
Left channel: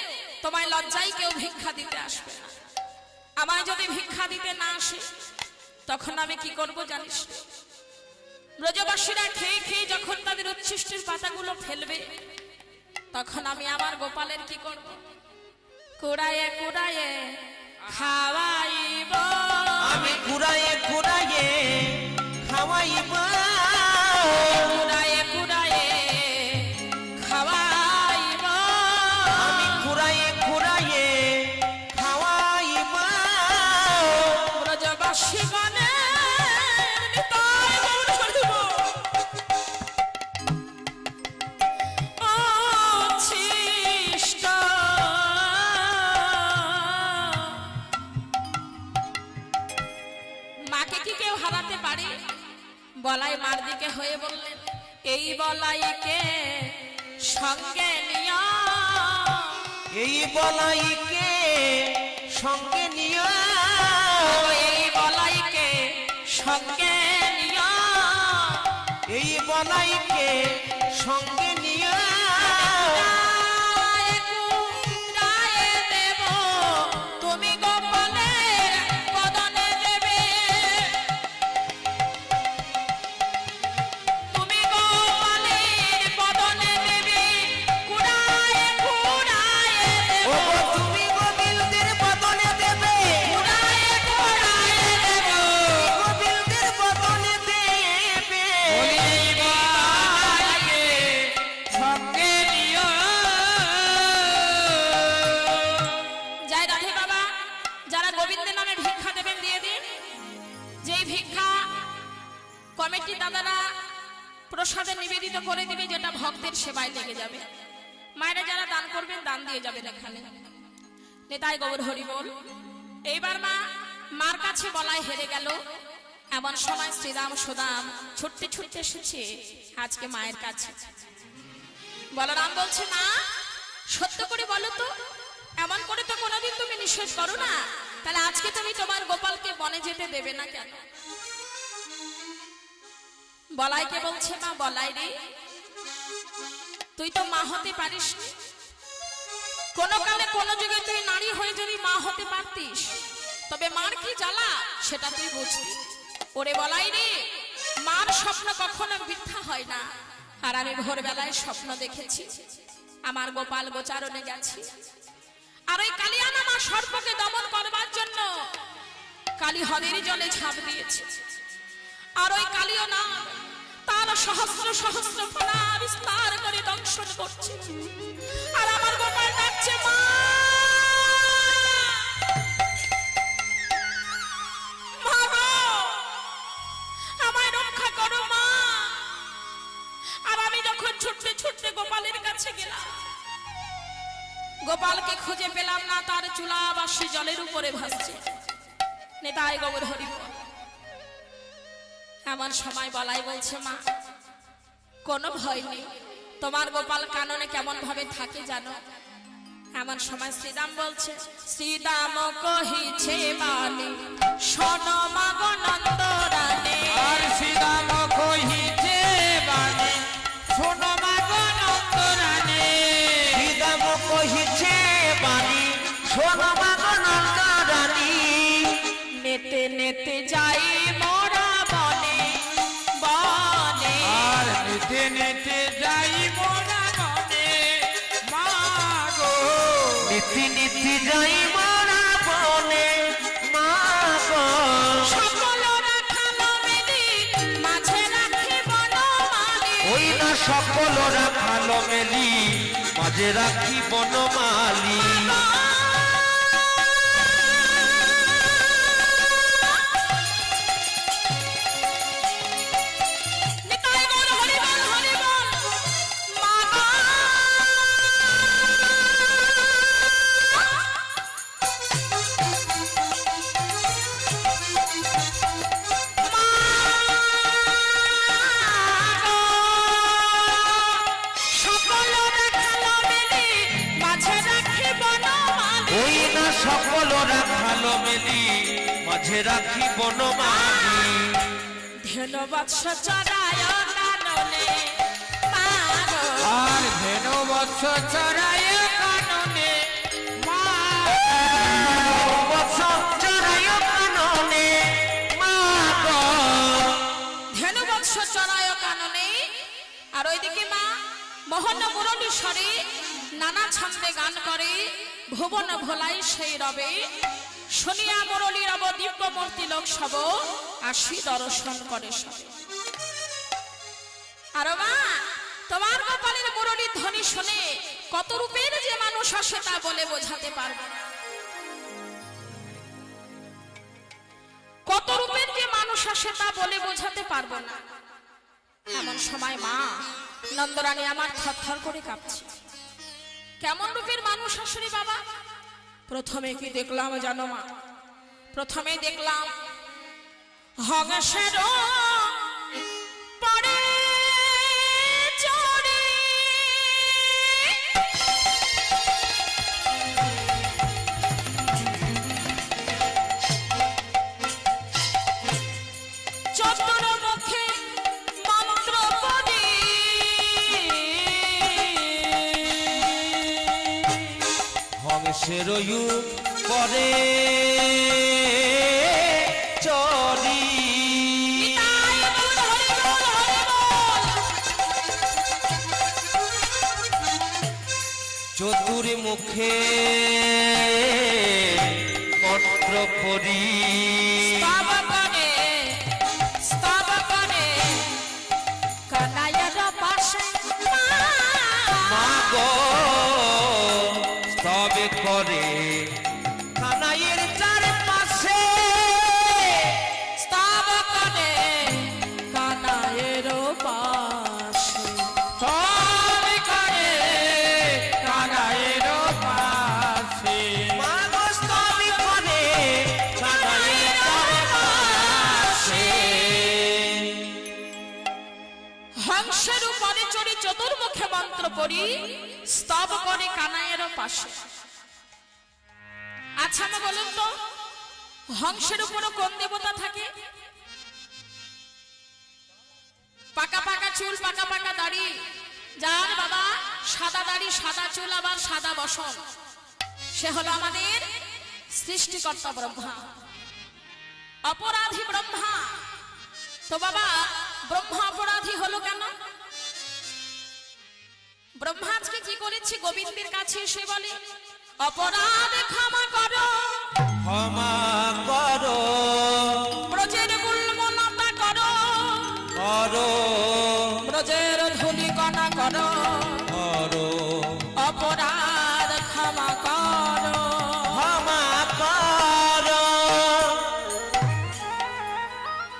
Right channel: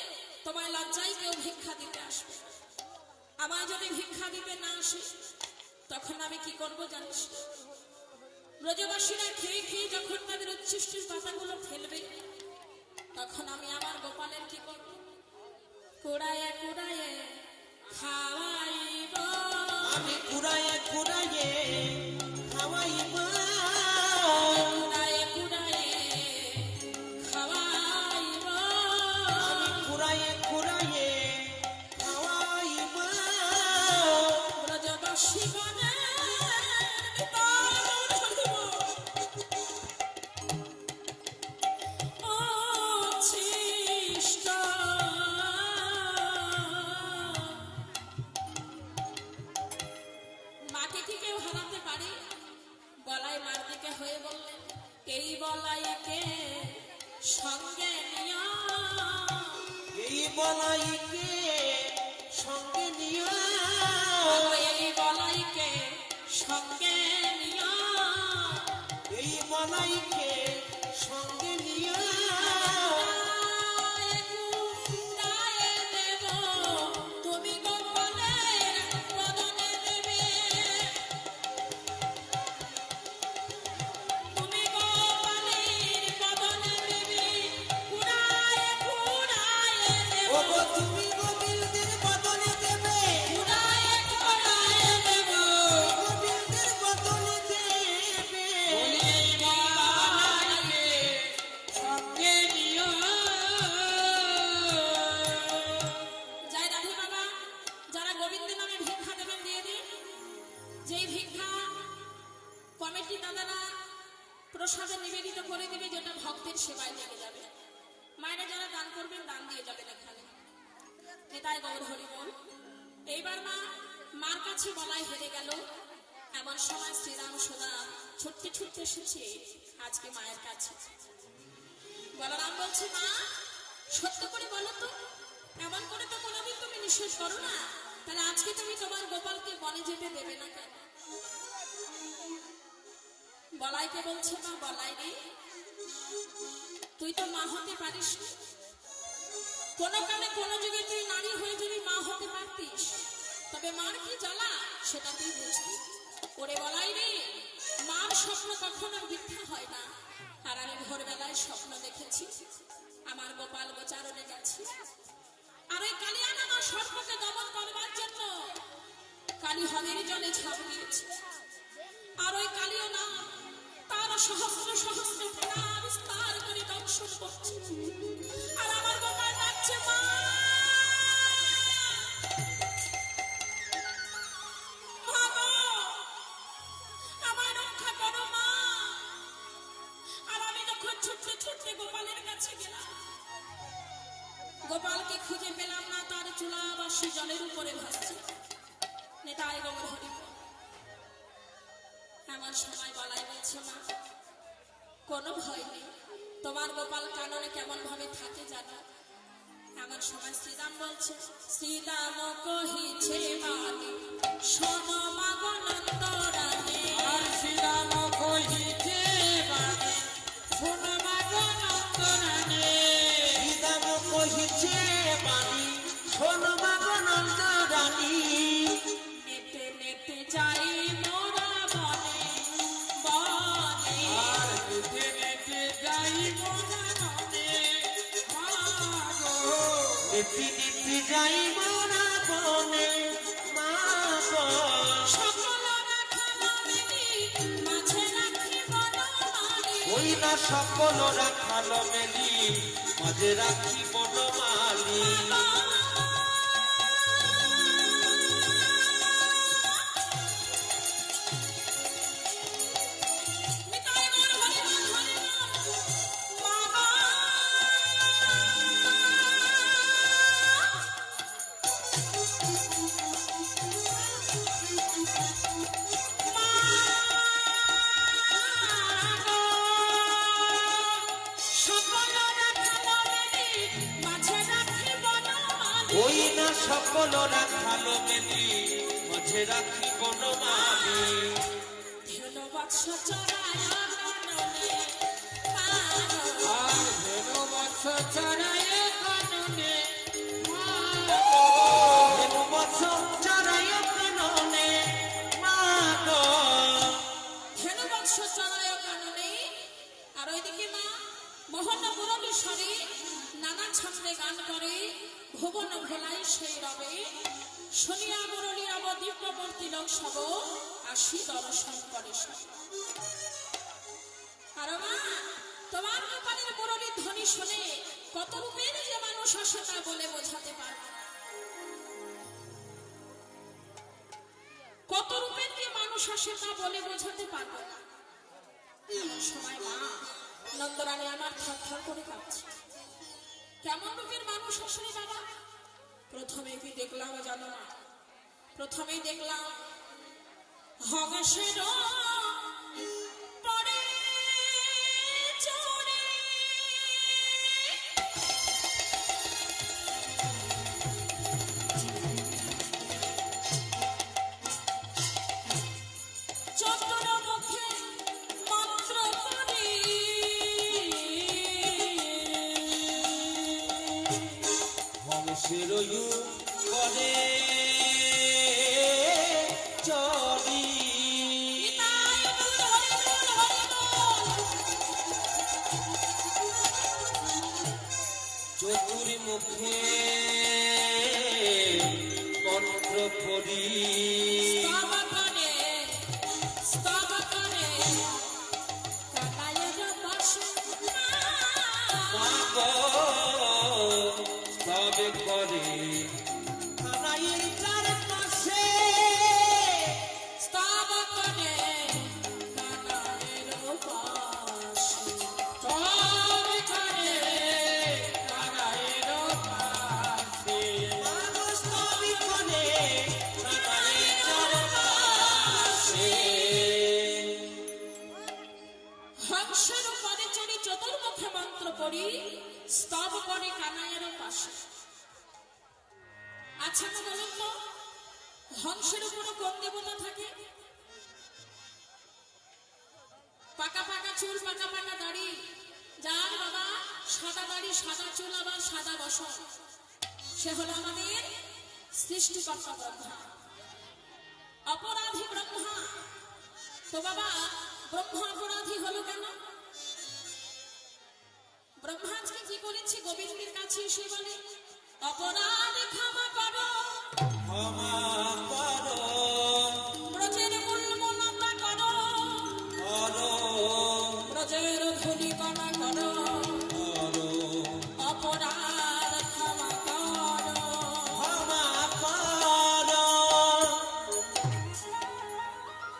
তোমায় লজ্জায় কেউ ভিক্ষা দিতে আসবে না। আমায় যদি ভিক্ষা দিতে না আসে তখন আমি কি করব জানিস? ব্রজবাসীরা খেয়ে খেয়ে যখন তাদের উচ্ছিষ্টের পাতাগুলো ফেলবে, তখন আমি আমার গোপালের কি করব? কুড়ায়ে কুড়ায়ে খাওয়াইব। আমি কুড়ায়ে কুড়ায়ে খাওয়াইব, কুড়ায়ে কুড়ায়ে খাওয়াইব। আমি কুড়ায়ে কুড়ায়ে খাওয়াইব। ব্রজবাসী গণের নিতাই গৌর হরিব। ও ছিষ্ট মাকে কি কেউ হারাতে পারে? বলাই মার দিকে হয়ে বললেন, এই বলাইকে সঙ্গে নিয়া, এই বলাইকে সঙ্গে নিও, এই বলাইকে সঙ্গে নিয়া, এই বলাইকে সঙ্গে নিও। কুড়ায়ে কুড়ায়ে দেব, তুমি গোপালের বদনে দেবে। তুমি গোপালের বদনে দেবে, কুড়ায়ে কুড়ায়ে দেব। ও তুমি গোবিন্দের বদনে দেবে, কুড়ায়ে কুড়ায়ে দেব। গোবিন্দের বদনে দেবে। ওই বলাইকে সঙ্গে নিও। জয় রাধে বাবা, যারা গোবিন্দের নামে ভিক্ষা দেবেন দিয়ে দিন। যেই ভিক্ষা কমিটি দাদারা প্রসাদে নিবেদিত করে দিবি, যেটা ভক্তের সেবায় লেগে যাবে। মায়েরা যারা দান করবেন দান দিয়ে যাবেন এখানে। নেতাই গৌর হরি বল। এইবার মা মার কাছে বলাই হেরে গেল। এমন সময় শ্রীরাম সুদাম ছুটতে ছুটতে এসেছে আজকে মায়ের কাছে। বলরাম বলছে, মা সত্য করে বলো তো, এমন করে তো কোনোদিন তুমি নিঃশ্বাস করো না, তাহলে আজকে তুমি তোমার গোপালকে বনে যেতে দেবে না কেন? বলাইকে বলছে, মা বলাই রে, তুই তো মা হতে পারিস নি। কোনো কালে কোনো যুগে তুই নারী হয়ে যদি মা হতে পারতিস, তবে মার কি জ্বালা সেটা তুই বুঝতি। ওরে বলাই রে, মার স্বপ্ন কখনো মিথ্যা হয় না। আর আমি ভোরবেলায় স্বপ্ন দেখেছি আমার গোপাল গোচারণে গেছি, আর ওই কালিয়ানা মা সর্পকে দমন করবার জন্য কালী হরির জলে ঝাঁপ দিয়েছে। আর ওই কালিও না তার সহস্র সহস্র ফোঁটা বিস্তার করে দংশন করছে। আর আমার গোপাল ডাকছে মা, মা গো, আমায় রক্ষা করো মা। আর আমি যখন ছুটতে ছুটতে গোপালের কাছে গেলাম, গোপালকে খুঁজে পেলাম না, তার চুলা বাসি জলের উপরে ভাসছে। নেতাই গৌর হরি বল। এমন সময় বলাই বলছে মা, কোনো ভয় নেই, তোমার গোপাল কাননে কেমন ভাবে থাকে জানো? এমন সময় শ্রীরাম বলছে, শ্রীরাম কহিছে বাণী শোনো মা গো নন্দরানী। আর শ্রীরাম কহিছে বাণী শোনো মা গো নন্দরানী। শ্রীরাম কহিছে বাণী শোনো মা গো নন্দরানী। নেতে নেতে যাই মোরা বনে বনে। আর নেতে নেতে যাই মোরা বনে মা গো। নীতি নীতি যাই মোরা বনে মা গো। সকল রাখালো মেলি মাঝে রাখি বনমালী। ওই না সকল রাখালো মেলি মাঝে রাখি বনমালী। নিতাই গৌর হরি বল, হরি বল। মা গো। সকল রাখালো মেলি মাঝে রাখি বনমালী। ওই না সকল রাখালো মেলি মাঝে রাখি বনমালী। ধেনু বৎস চরায় কাননে মা গো। আর ধেনু বৎস চরায় কাননে মা বৎস চরায় কাননে মা গো। ধেনু বৎস চরায় কাননে। আর ওইদিকে মা মোহন মুরলীশ্বরী নানা ছন্দে গান করে, ভুবন ভোলাই সেই রবে। শুনিয়া মুরলী রব দিব্য মূর্তি লোক সব আসি দর্শন করে সবে। আর মা, তোমার গোপালের মুরলীর ধ্বনি শুনে কত রূপের যে মানুষ আসে তা বলে বোঝাতে পারবে না। কত রূপের যে মানুষ আসে তা বলে বোঝাতে পারবো না। এমন সময় মা নন্দরানী আমার থরথর করে কাঁপছে। কেমন রূপের মানুষ আসে বাবা? প্রথমে কি দেখলাম জানো মা? প্রথমে দেখলাম হংসের পরে চড়ে চতুর মুখে মন্ত্র পড়ে। হংসের করে চরি। নিতাই গৌর হরি বল, হরি বল। চতুর মুখে মন্ত্র পড়ি। স্তব করে, স্তব করে কানাইয়ার পাশে মা গো তবে করে কানাইয়ের চারপাশে। স্তব করে কানাইয়ের পাশে। তবে করে কানাইয়ের পাশে। মা গো তবে করে কানাইয়ের চারপাশে। হংসের উপরে চড়ি চতুর্মুখে মন্ত্র পড়ি, স্তব করে কানাইয়ের পাশে। আচ্ছা মা বলুন তো, হংসের উপরও কোন দেবতা থাকে? পাকা পাকা চুল, পাকা পাকা দাড়ি, যার বাবা সাদা দাড়ি, সাদা চুল, আবার সাদা বসন, সে হলো আমাদের সৃষ্টিকর্তা ব্রহ্মা, অপরাধী ব্রহ্মা। তো বাবা ব্রহ্মা অপরাধী হলো কেন? ব্রহ্মা আজকে কি করেছে? গোবিন্দের কাছে এসে বলে, অপরাধ ক্ষমা করো, ক্ষমা করো ব্রজের গুল্মনতা করো, করো করো, করো অপরাধ ক্ষমা করো। ক্ষমা করো।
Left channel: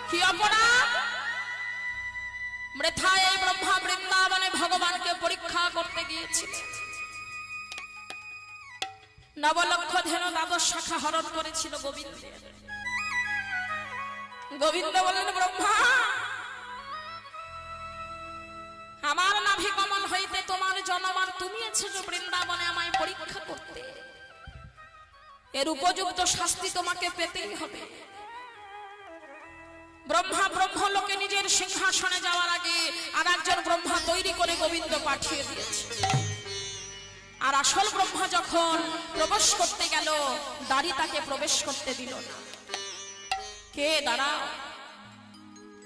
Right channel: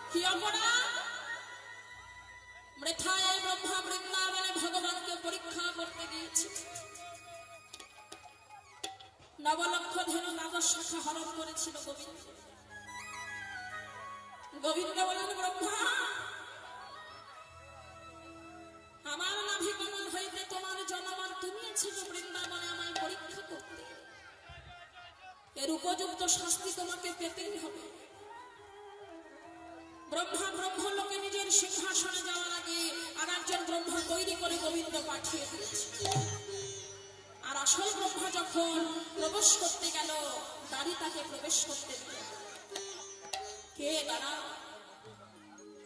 কি অপরাধ? মৃথায় এই ব্রহ্মা বৃন্দাবনে ভগবানকে পরীক্ষা করতে গিয়েছিল। নবলক্ষ ধেনু দ্বাদশ শাখা হরণ করেছিল গোবিন্দের। গোবিন্দ বলেন, ব্রহ্মা, আমার নাভি কমল হইতে তোমার জনমান তুমি এসেছ বৃন্দাবনে আমায় পরীক্ষা করতে। এর উপযুক্ত শাস্তি তোমাকে পেতেই হবে। ব্রহ্মা ব্রহ্মলোকে নিজের সিংহাসনে যাওয়ার আগে আর একজন ব্রহ্মা তৈরি করে গোবিন্দ পাঠিয়ে দিয়েছে। আর আসল ব্রহ্মা যখন প্রবেশ করতে গেল, দাঁড়ি তাকে প্রবেশ করতে দিল না। কে দাঁড়া?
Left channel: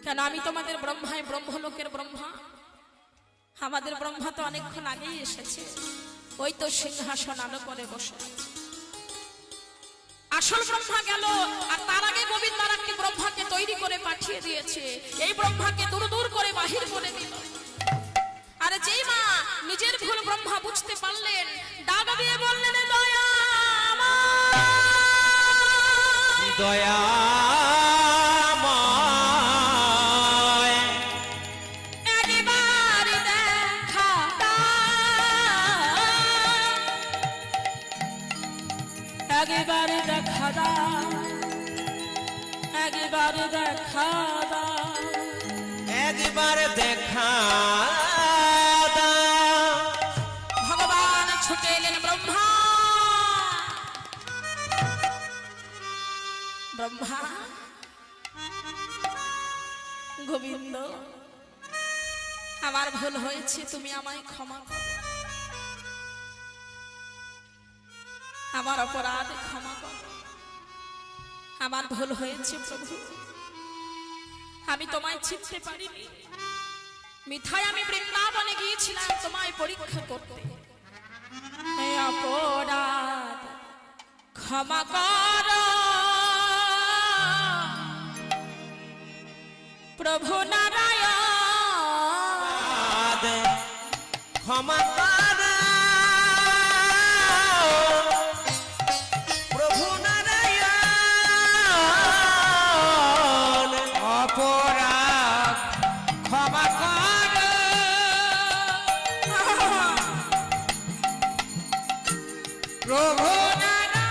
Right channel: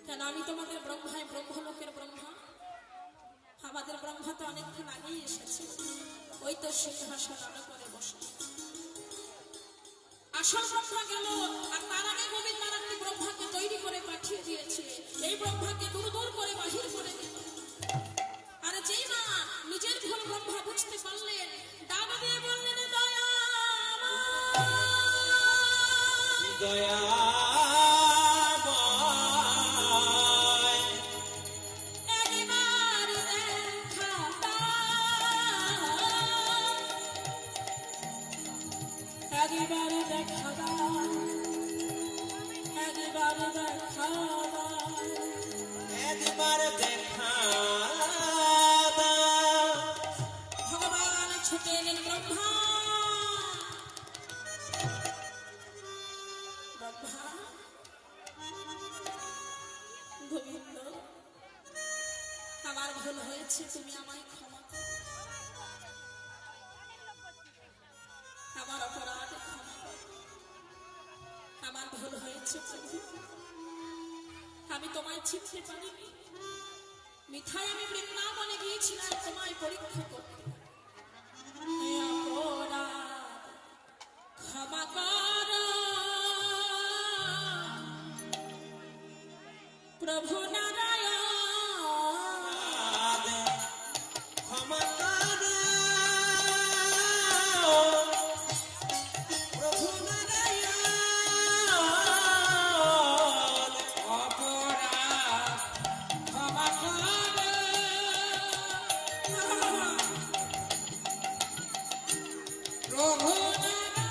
কেন আমি তোমাদের ব্রহ্মায় ব্রহ্মলোকের ব্রহ্মা? আমাদের ব্রহ্মা তো অনেকক্ষণ আগেই এসেছে, ওই তো সিংহাসন আলো করে বসে। আসল ব্রহ্মা গেল, আর তার আগে গোবিন্দ আর একটি ব্রহ্মাকে তৈরি করে পাঠিয়ে দিয়েছে। এই ব্রহ্মাকে দূর দূর করে বাহির করে দিল। আর যেই মা নিজের ভুল ব্রহ্মা বুঝতে পারলেন, ডাক দিয়ে বললেন, দয়া দয়াময় একবার দেখা দাও, একবার দেখা দাও, একবার দেখা দাও। একবার দেখা দাও। ভগবান ছুটে এলেন। ব্রহ্মা, ব্রহ্মা, গোবিন্দ, আমার ভুল হয়েছে, তুমি আমায় ক্ষমা করো, আমার অপরাধ ক্ষমা করো, আমার ভুল হয়েছে প্রভু, আমি তোমায় চিনতে পারিনি। মিথায় আমি বৃন্দাবনে গিয়েছিলাম তোমায় পরীক্ষা করতে। হে অপরাধ ক্ষমা করো প্রভু নারায়ণ। ক্ষমা করো প্রভু নারায়ণ। অপরাধ ক্ষমা করো প্রভু নারায়ণ।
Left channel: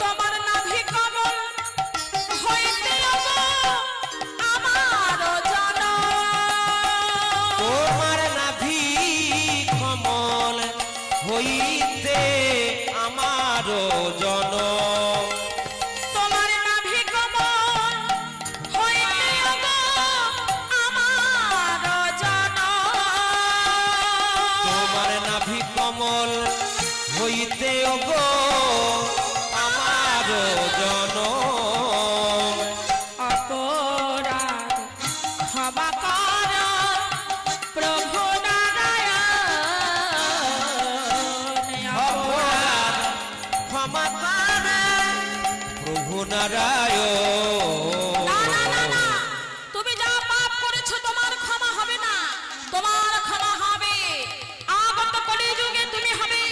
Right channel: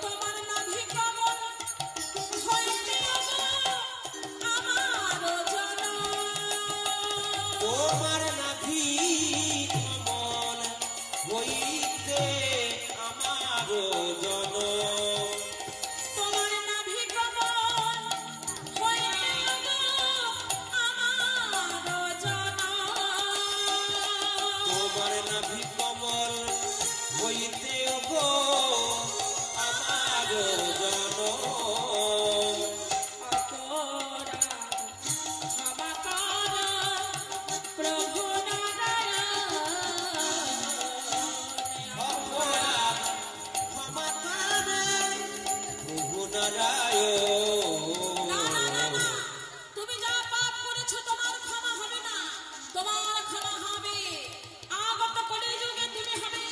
তোমার নাভি কমল হইতে আমার জনম। তোমার নাভি কমল হইতে আমার জনম। তোমার নাভি কমল হইতে আমার জনম। তোমার নাভি কমল হইতে ওগো আমার জনম। অপরাধ ক্ষমা করো প্রভু নারায়ণ। অপরাধ ক্ষমা করো প্রভু নারায়ণ। না না না না, তুমি যা পাপ করেছো তোমার ক্ষমা হবে না, তোমার ক্ষমা হবে আগত কলিযুগে। তুমি হবে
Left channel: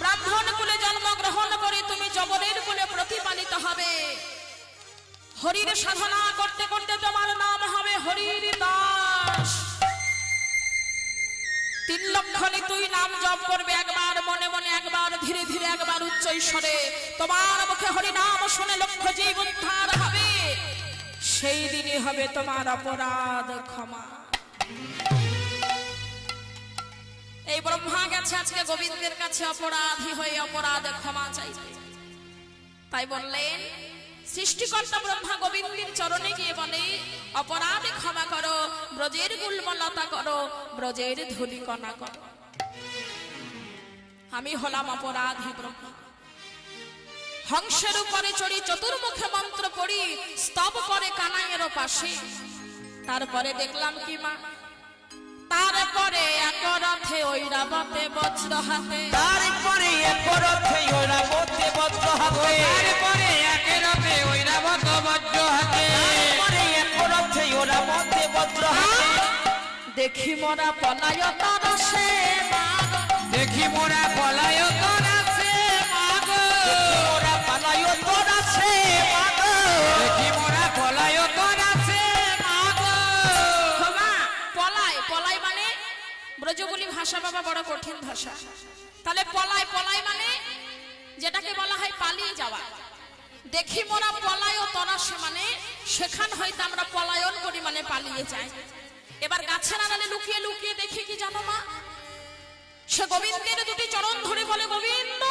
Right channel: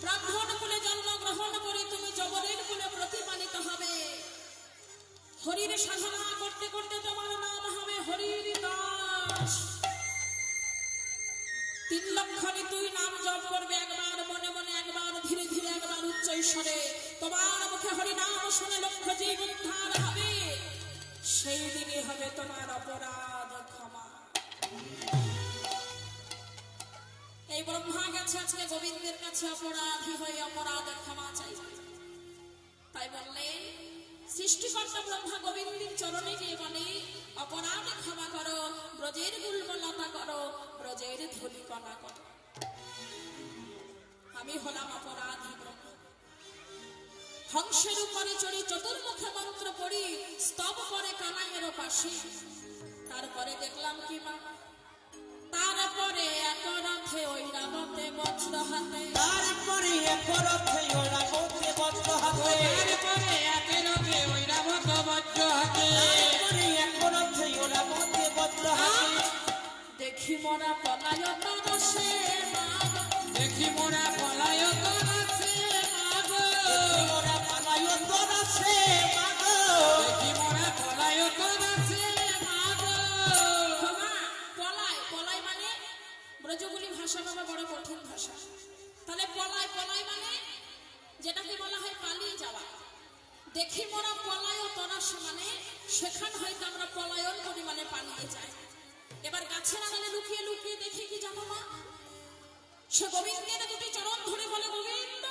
ব্রাহ্মণ কুলে জন্মগ্রহণ করে তুমি জবরের কুলে প্রতিপালিত হবে। হরির সাধনা করতে করতে তোমার নাম হবে হরির দাস। 3 লক্ষ তুই নাম জপ করবে, একবার মনে মনে, একবার ধীরে ধীরে, একবার উচ্চ স্বরে। তোমার মুখে হরি নাম শুনে লক্ষ জীব উদ্ধার হবে। সেই দিনই হবে তোমার অপরাধ ক্ষমা। এই ব্রহ্মা গেছে আজকে গোবিন্দের কাছে অপরাধী হয়ে অপরাধ ক্ষমা চাইবে। তাই বললেন, সৃষ্টিকর্তা ব্রহ্মা গোবিন্দের চরণে গিয়ে বলে, অপরাধ ক্ষমা করো, ব্রজের গুল্মলতা করো, ব্রজের ধূলিকণা করো। আমি হলাম অপরাধী ব্রহ্মা। হংসের উপরে চড়ি চতুর্মুখে মন্ত্র পড়ি স্তব করে কানাইয়ের পাশে। তারপরে দেখলাম কি মা, তারপরে এক রথে ঐরাবতে বজ্র হাতে। তারপরে একরথে ঐরাবতে বজ্র হাতে। তারপরে একেরপে ঐরাবত বজ্র হাতে। তারপরে একরথে ঐরাবতে বজ্র হাতে। মোরা পলায়তন সে মাগো দেখি মোরা পলায়তন আছে মাগো মোরা পালায়তন আছে মাগো দেখি মোরা পলায়তন আছে মাগো ক্ষমা পলায় পলায় মানে ব্রজবুলি ভাষা বাবা বড় কঠিন ভাষা। তাহলে পলায় পলায় মানে যেটাকে বলা হয় পালিয়ে যাওয়া। দেখি মোরা পলায়তন আসে মানে সেখান হইতে আমরা পলায়ন করি মানে পালিয়ে যাই। এবার গাছের আড়ালে লুকিয়ে লুকিয়ে দেখি কি জানো মা, সে গোবিন্দের দুটি চরণ ধরে বলে, গোবিন্দ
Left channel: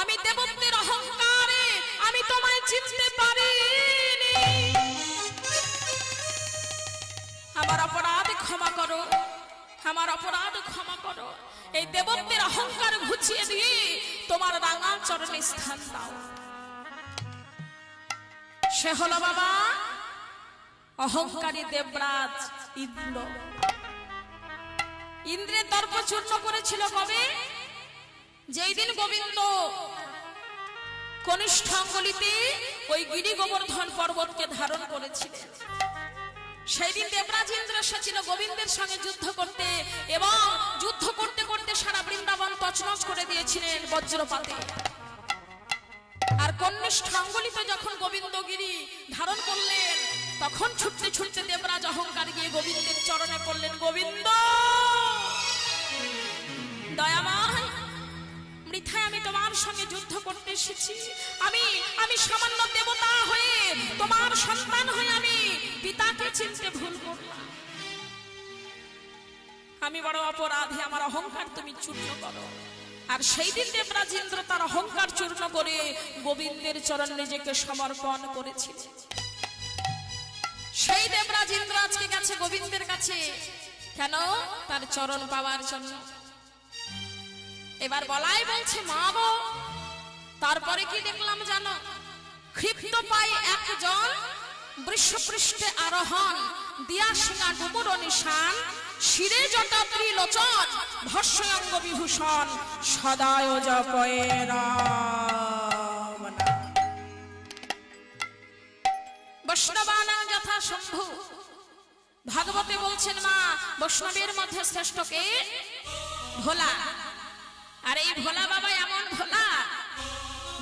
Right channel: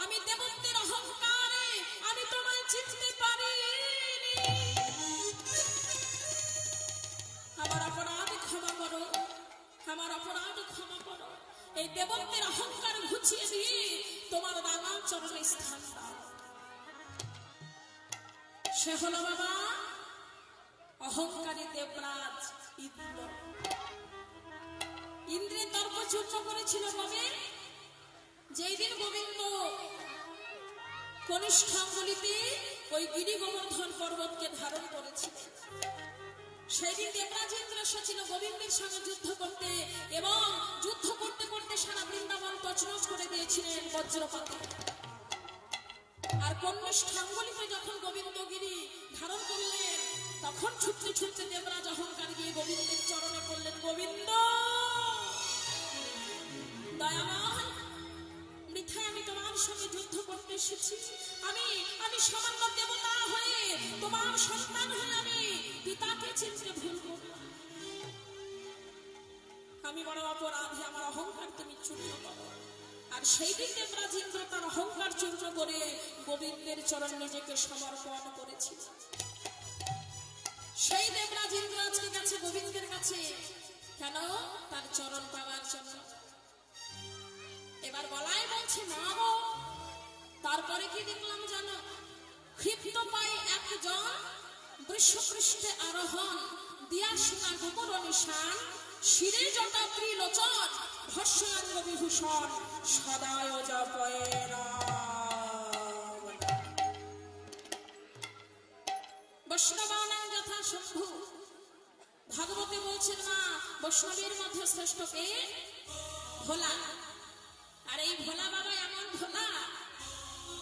আমি দেবত্বের অহংকারে আমি তোমায় চিনতে পারিনি, আমার অপরাধ ক্ষমা করো, আমার অপরাধ ক্ষমা করো। এই দেবত্বের অহংকার ঘুচিয়ে দিয়ে তোমার রাঙা চরণে স্থান দাও। সে হলো বাবা অহংকারী দেবরাজ ইন্দ্র। ইন্দ্রের দর্প চূর্ণ করেছিল কবে? যেই দিন গোবিন্দ কনিষ্ঠাঙ্গলিতে ওই গিরি গোবর্ধন পর্বতকে ধারণ করেছিলেন, সেই দিন দেবরাজ ইন্দ্র এসেছিল গোবিন্দের সঙ্গে যুদ্ধ করতে, এবং যুদ্ধ করতে করতে সারা বৃন্দাবন তছনছ করে দিয়েছিলেন বজ্রপাতে। আর কনিষ্ঠাঙ্গলিতে যখন গোবিন্দ গিরি ধারণ করলেন, তখন ছুটতে ছুটতে দেবরাজ অহংকার গিয়ে গোবিন্দের চরণে পড়লেন, গোবিন্দ দয়াময় বৃথায় আমি তোমার সঙ্গে যুদ্ধ করতে এসেছি, আমি সামান্য দেবতা হয়ে তোমার সন্তান হয়ে আমি পিতাকে চিনতে ভুল করলাম, আমি বড় অপরাধী, আমার অহংকার তুমি চূর্ণ করো। আর সেই দিন দেবরাজ ইন্দ্র তার অহংকার চূর্ণ করে গোবিন্দের চরণ নিজেকে সমর্পণ করেছিল। সেই দেবরাজ ইন্দ্র আজকে গেছে গোবিন্দের কাছে, কেন? তার চরণ পাওয়ার জন্য। এবার বলাই বলছে, মা গো তারপরে কি দেখলাম জানো? ক্ষিপ্ত পাই একজন বৃষপৃষ্ঠে আরোহণ, দিয়া শিঙা ডুবুর নিশান, শিরে জটা ত্রিলোচন, ভস্ময়ঙ্গ বিভূষণ, সদায় জপয়ে রাম। বৈষ্ণবানাং যথা শম্ভু, ভাগবতে বলছেন মা বৈষ্ণবের মধ্যে শ্রেষ্ঠ কে? ভোলা। আর এই ভোলা বাবা এমন ভোলা,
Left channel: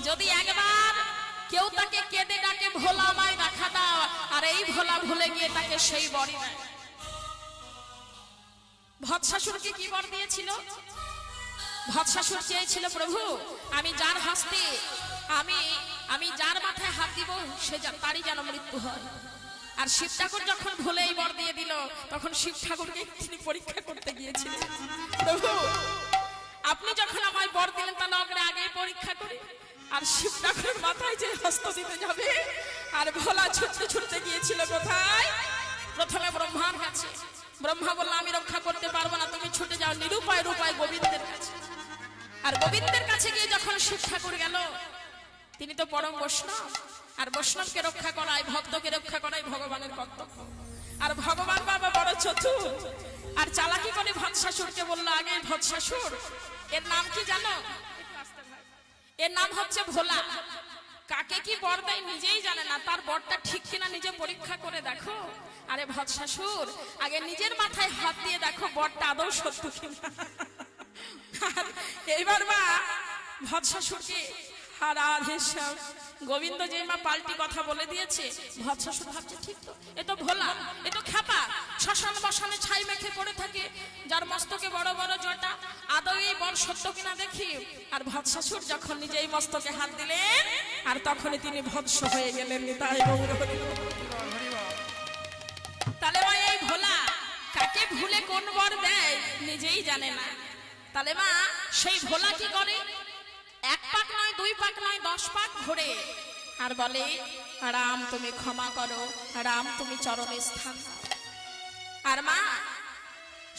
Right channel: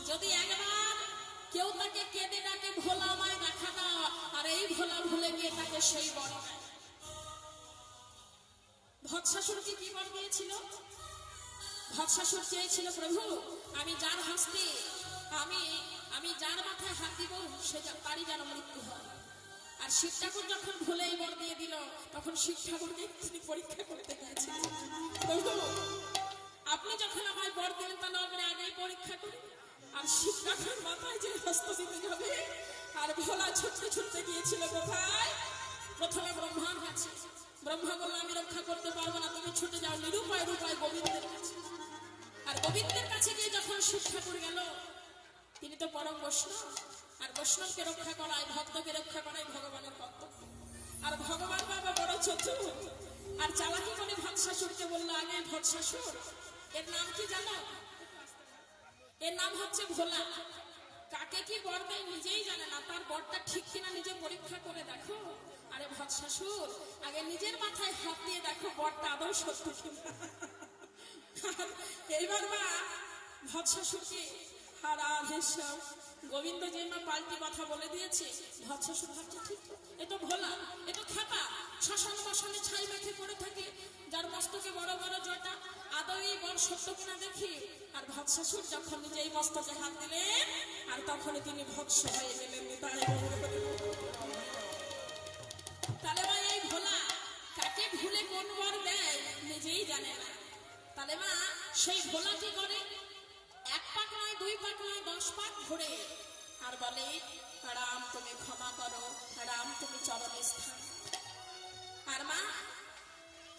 যদি একবার কেউ তাকে কেঁদে ডাকে ভোলা আমায় দেখা দাও, আর এই ভোলা ভুলে গিয়ে তাকে সেই বরই দেয়। ভৎসাসুরকে কি বর দিয়েছিল? ভৎসাসুর চেয়েছিল, প্রভু আমি যার হাসতে আমি যার মাথায় হাত দিব সে তারই যেন মৃত্যু হয়। আর শিব ঠাকুর যখন ভুলে এই বর দিয়ে দিল, তখন শিব ঠাকুরকে তিনি পরীক্ষা করতে গিয়েছিলেন, প্রভু আপনি যখন আমায় বর দিলেন তাহলে আমরা আগে পরীক্ষা করি। আর শিব ঠাকুরের মাথায় যে হস্ত দিতে যাবে, আর ভোলা ছুটতে ছুটতে গিয়েছিল কোথায়? প্রথমে ব্রহ্মার কাছে। ব্রহ্মা বলল আমি রক্ষা করতে পারবো না, তুমি ছুটে যাও নিরুপায় রূপায় গোবিন্দের কাছে। আর গোবিন্দের কাছে গিয়ে যখন শিব ঠাকুর গেল, তিনি তো পরম বৈষ্ণব, আর বৈষ্ণবকে রক্ষা করাই, ভক্তকে রক্ষা করাই ভগবানের কর্তব্য। আর ভগবান বাবা বড় চতুর, আর চালাকি করে ভৎসাসুরকে বললো, আগে ভৎসাসুর এর নাম কি জানো? এর নাম হচ্ছে ভোলা। কাকে কি বর দেয় নিজেই জানে না, তার বরটা ঠিক কিনা নিজে পরীক্ষা করে দেখো। আরে ভৎসাসুর আগে নিজের মাথায় হাত দিয়ে দেখো বরটা আদৌ সত্য কিনা। এইবার মা ভৎসাসুরকে গোবিন্দ যে মা পাল্টি কথা বলে দিয়েছে, ভৎসাসুর ভাবছে ঠিক তো, এ তো ভোলা, এ তো খ্যাপা, শ্মশান বসানে ছাই মেখে পড়ে থাকে, যার মস্তকে বড় বড় জটা, আদৌ এই বর সত্য কিনা দেখি। আর ভৎসাসুর যখন নিজেই মস্তকে হাত দিলেন, আর তখনই তিনি ভৎস হয়ে গেলেন। তাহলে ওই এই ভোলা কাকে ভুলে কোন বর দেয় নিজেই জানে না। তাহলে মা সেই ভোলা কি করে? এক পাক নয়, দুই পাক নয়, 10 পাক ঘুরে আর বলে, রাম তুমি ক্ষমা করো, রাম তুমি চরণে স্থান দাও। আর মা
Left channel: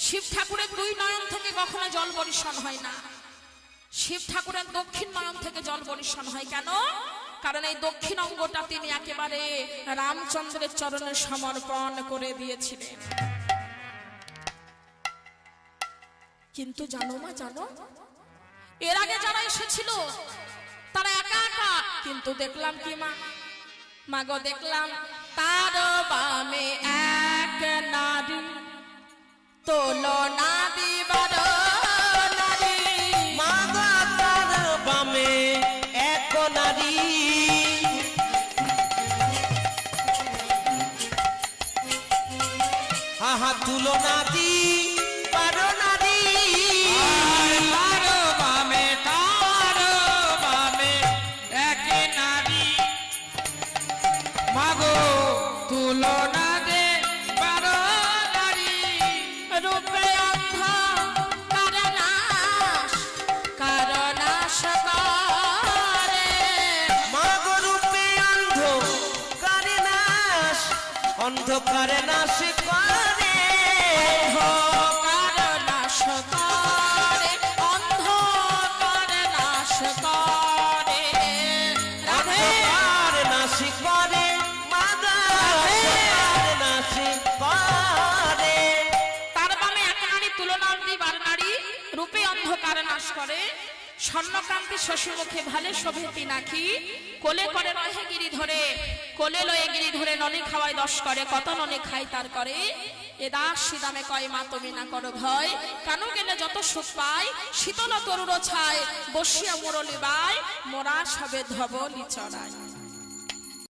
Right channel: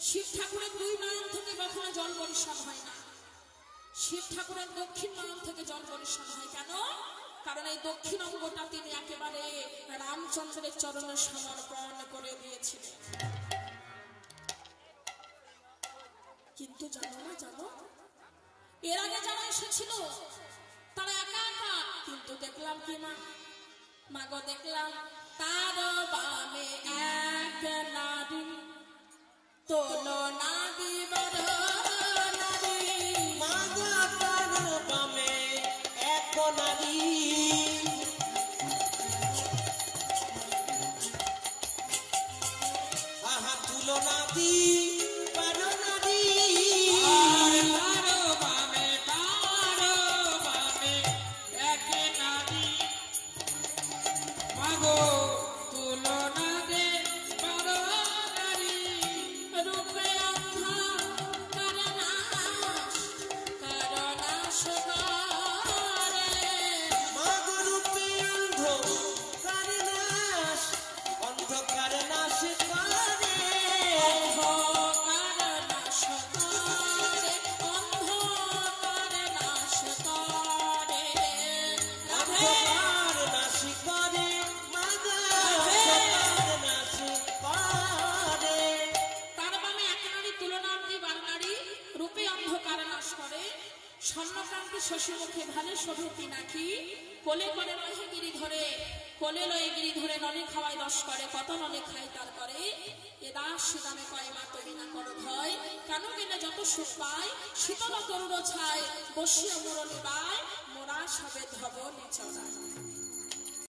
শিব ঠাকুরের 2 নয়ন থেকে কখনো জল বর্ষণ হয় না, শিব ঠাকুরের দক্ষিণ নয়ন থেকে জল বর্ষণ হয়। কেন? কারণ এই দক্ষিণ অঙ্গটা তিনি একেবারে রামচন্দ্রের চরণে সমর্পণ করে দিয়েছিলেন। কিন্তু জানো মা, জানো এর আগে যারা এসেছিল তারা একা একা, কিন্তু দেখলাম কি মা, মাগো দেখলাম তার বামে এক নারী, তুলনা দিবার নারী মাগো তার বামে এক নারী আহা তুলনা দি পারো নারী তারো বামে একে নারী মাগো তুলনা দে বারো নারী রূপে অন্ধ কারণাশ করে মাগো রূপে অন্ধকারে নাশ অন্ধকারে নাশ করে কারণাশ করে অন্ধকার নাশ করে রাধে অন্ধকার নাশ করে মাগো অন্ধকার নাশ করে তার বামে এক নারী তুলনা দিবার নারী রূপে অন্ধকার নাশ করে স্বর্ণকান্তি শশীমুখে ভালে শোভিতি নাকি কোলে করে রহে গিরি ধরে কোলে লয়ে গিরি ধরে নলে খাওয়ায় 10 করে কত নলে খাই তার করে এ দাস দামে কয় মা তুমি না করো ভয় কানু গেলে যত সুখ পাই শীতল তরুণ ছায় বসিয়া মুরলি বাই মোরা সবে ধবলি চড়ায়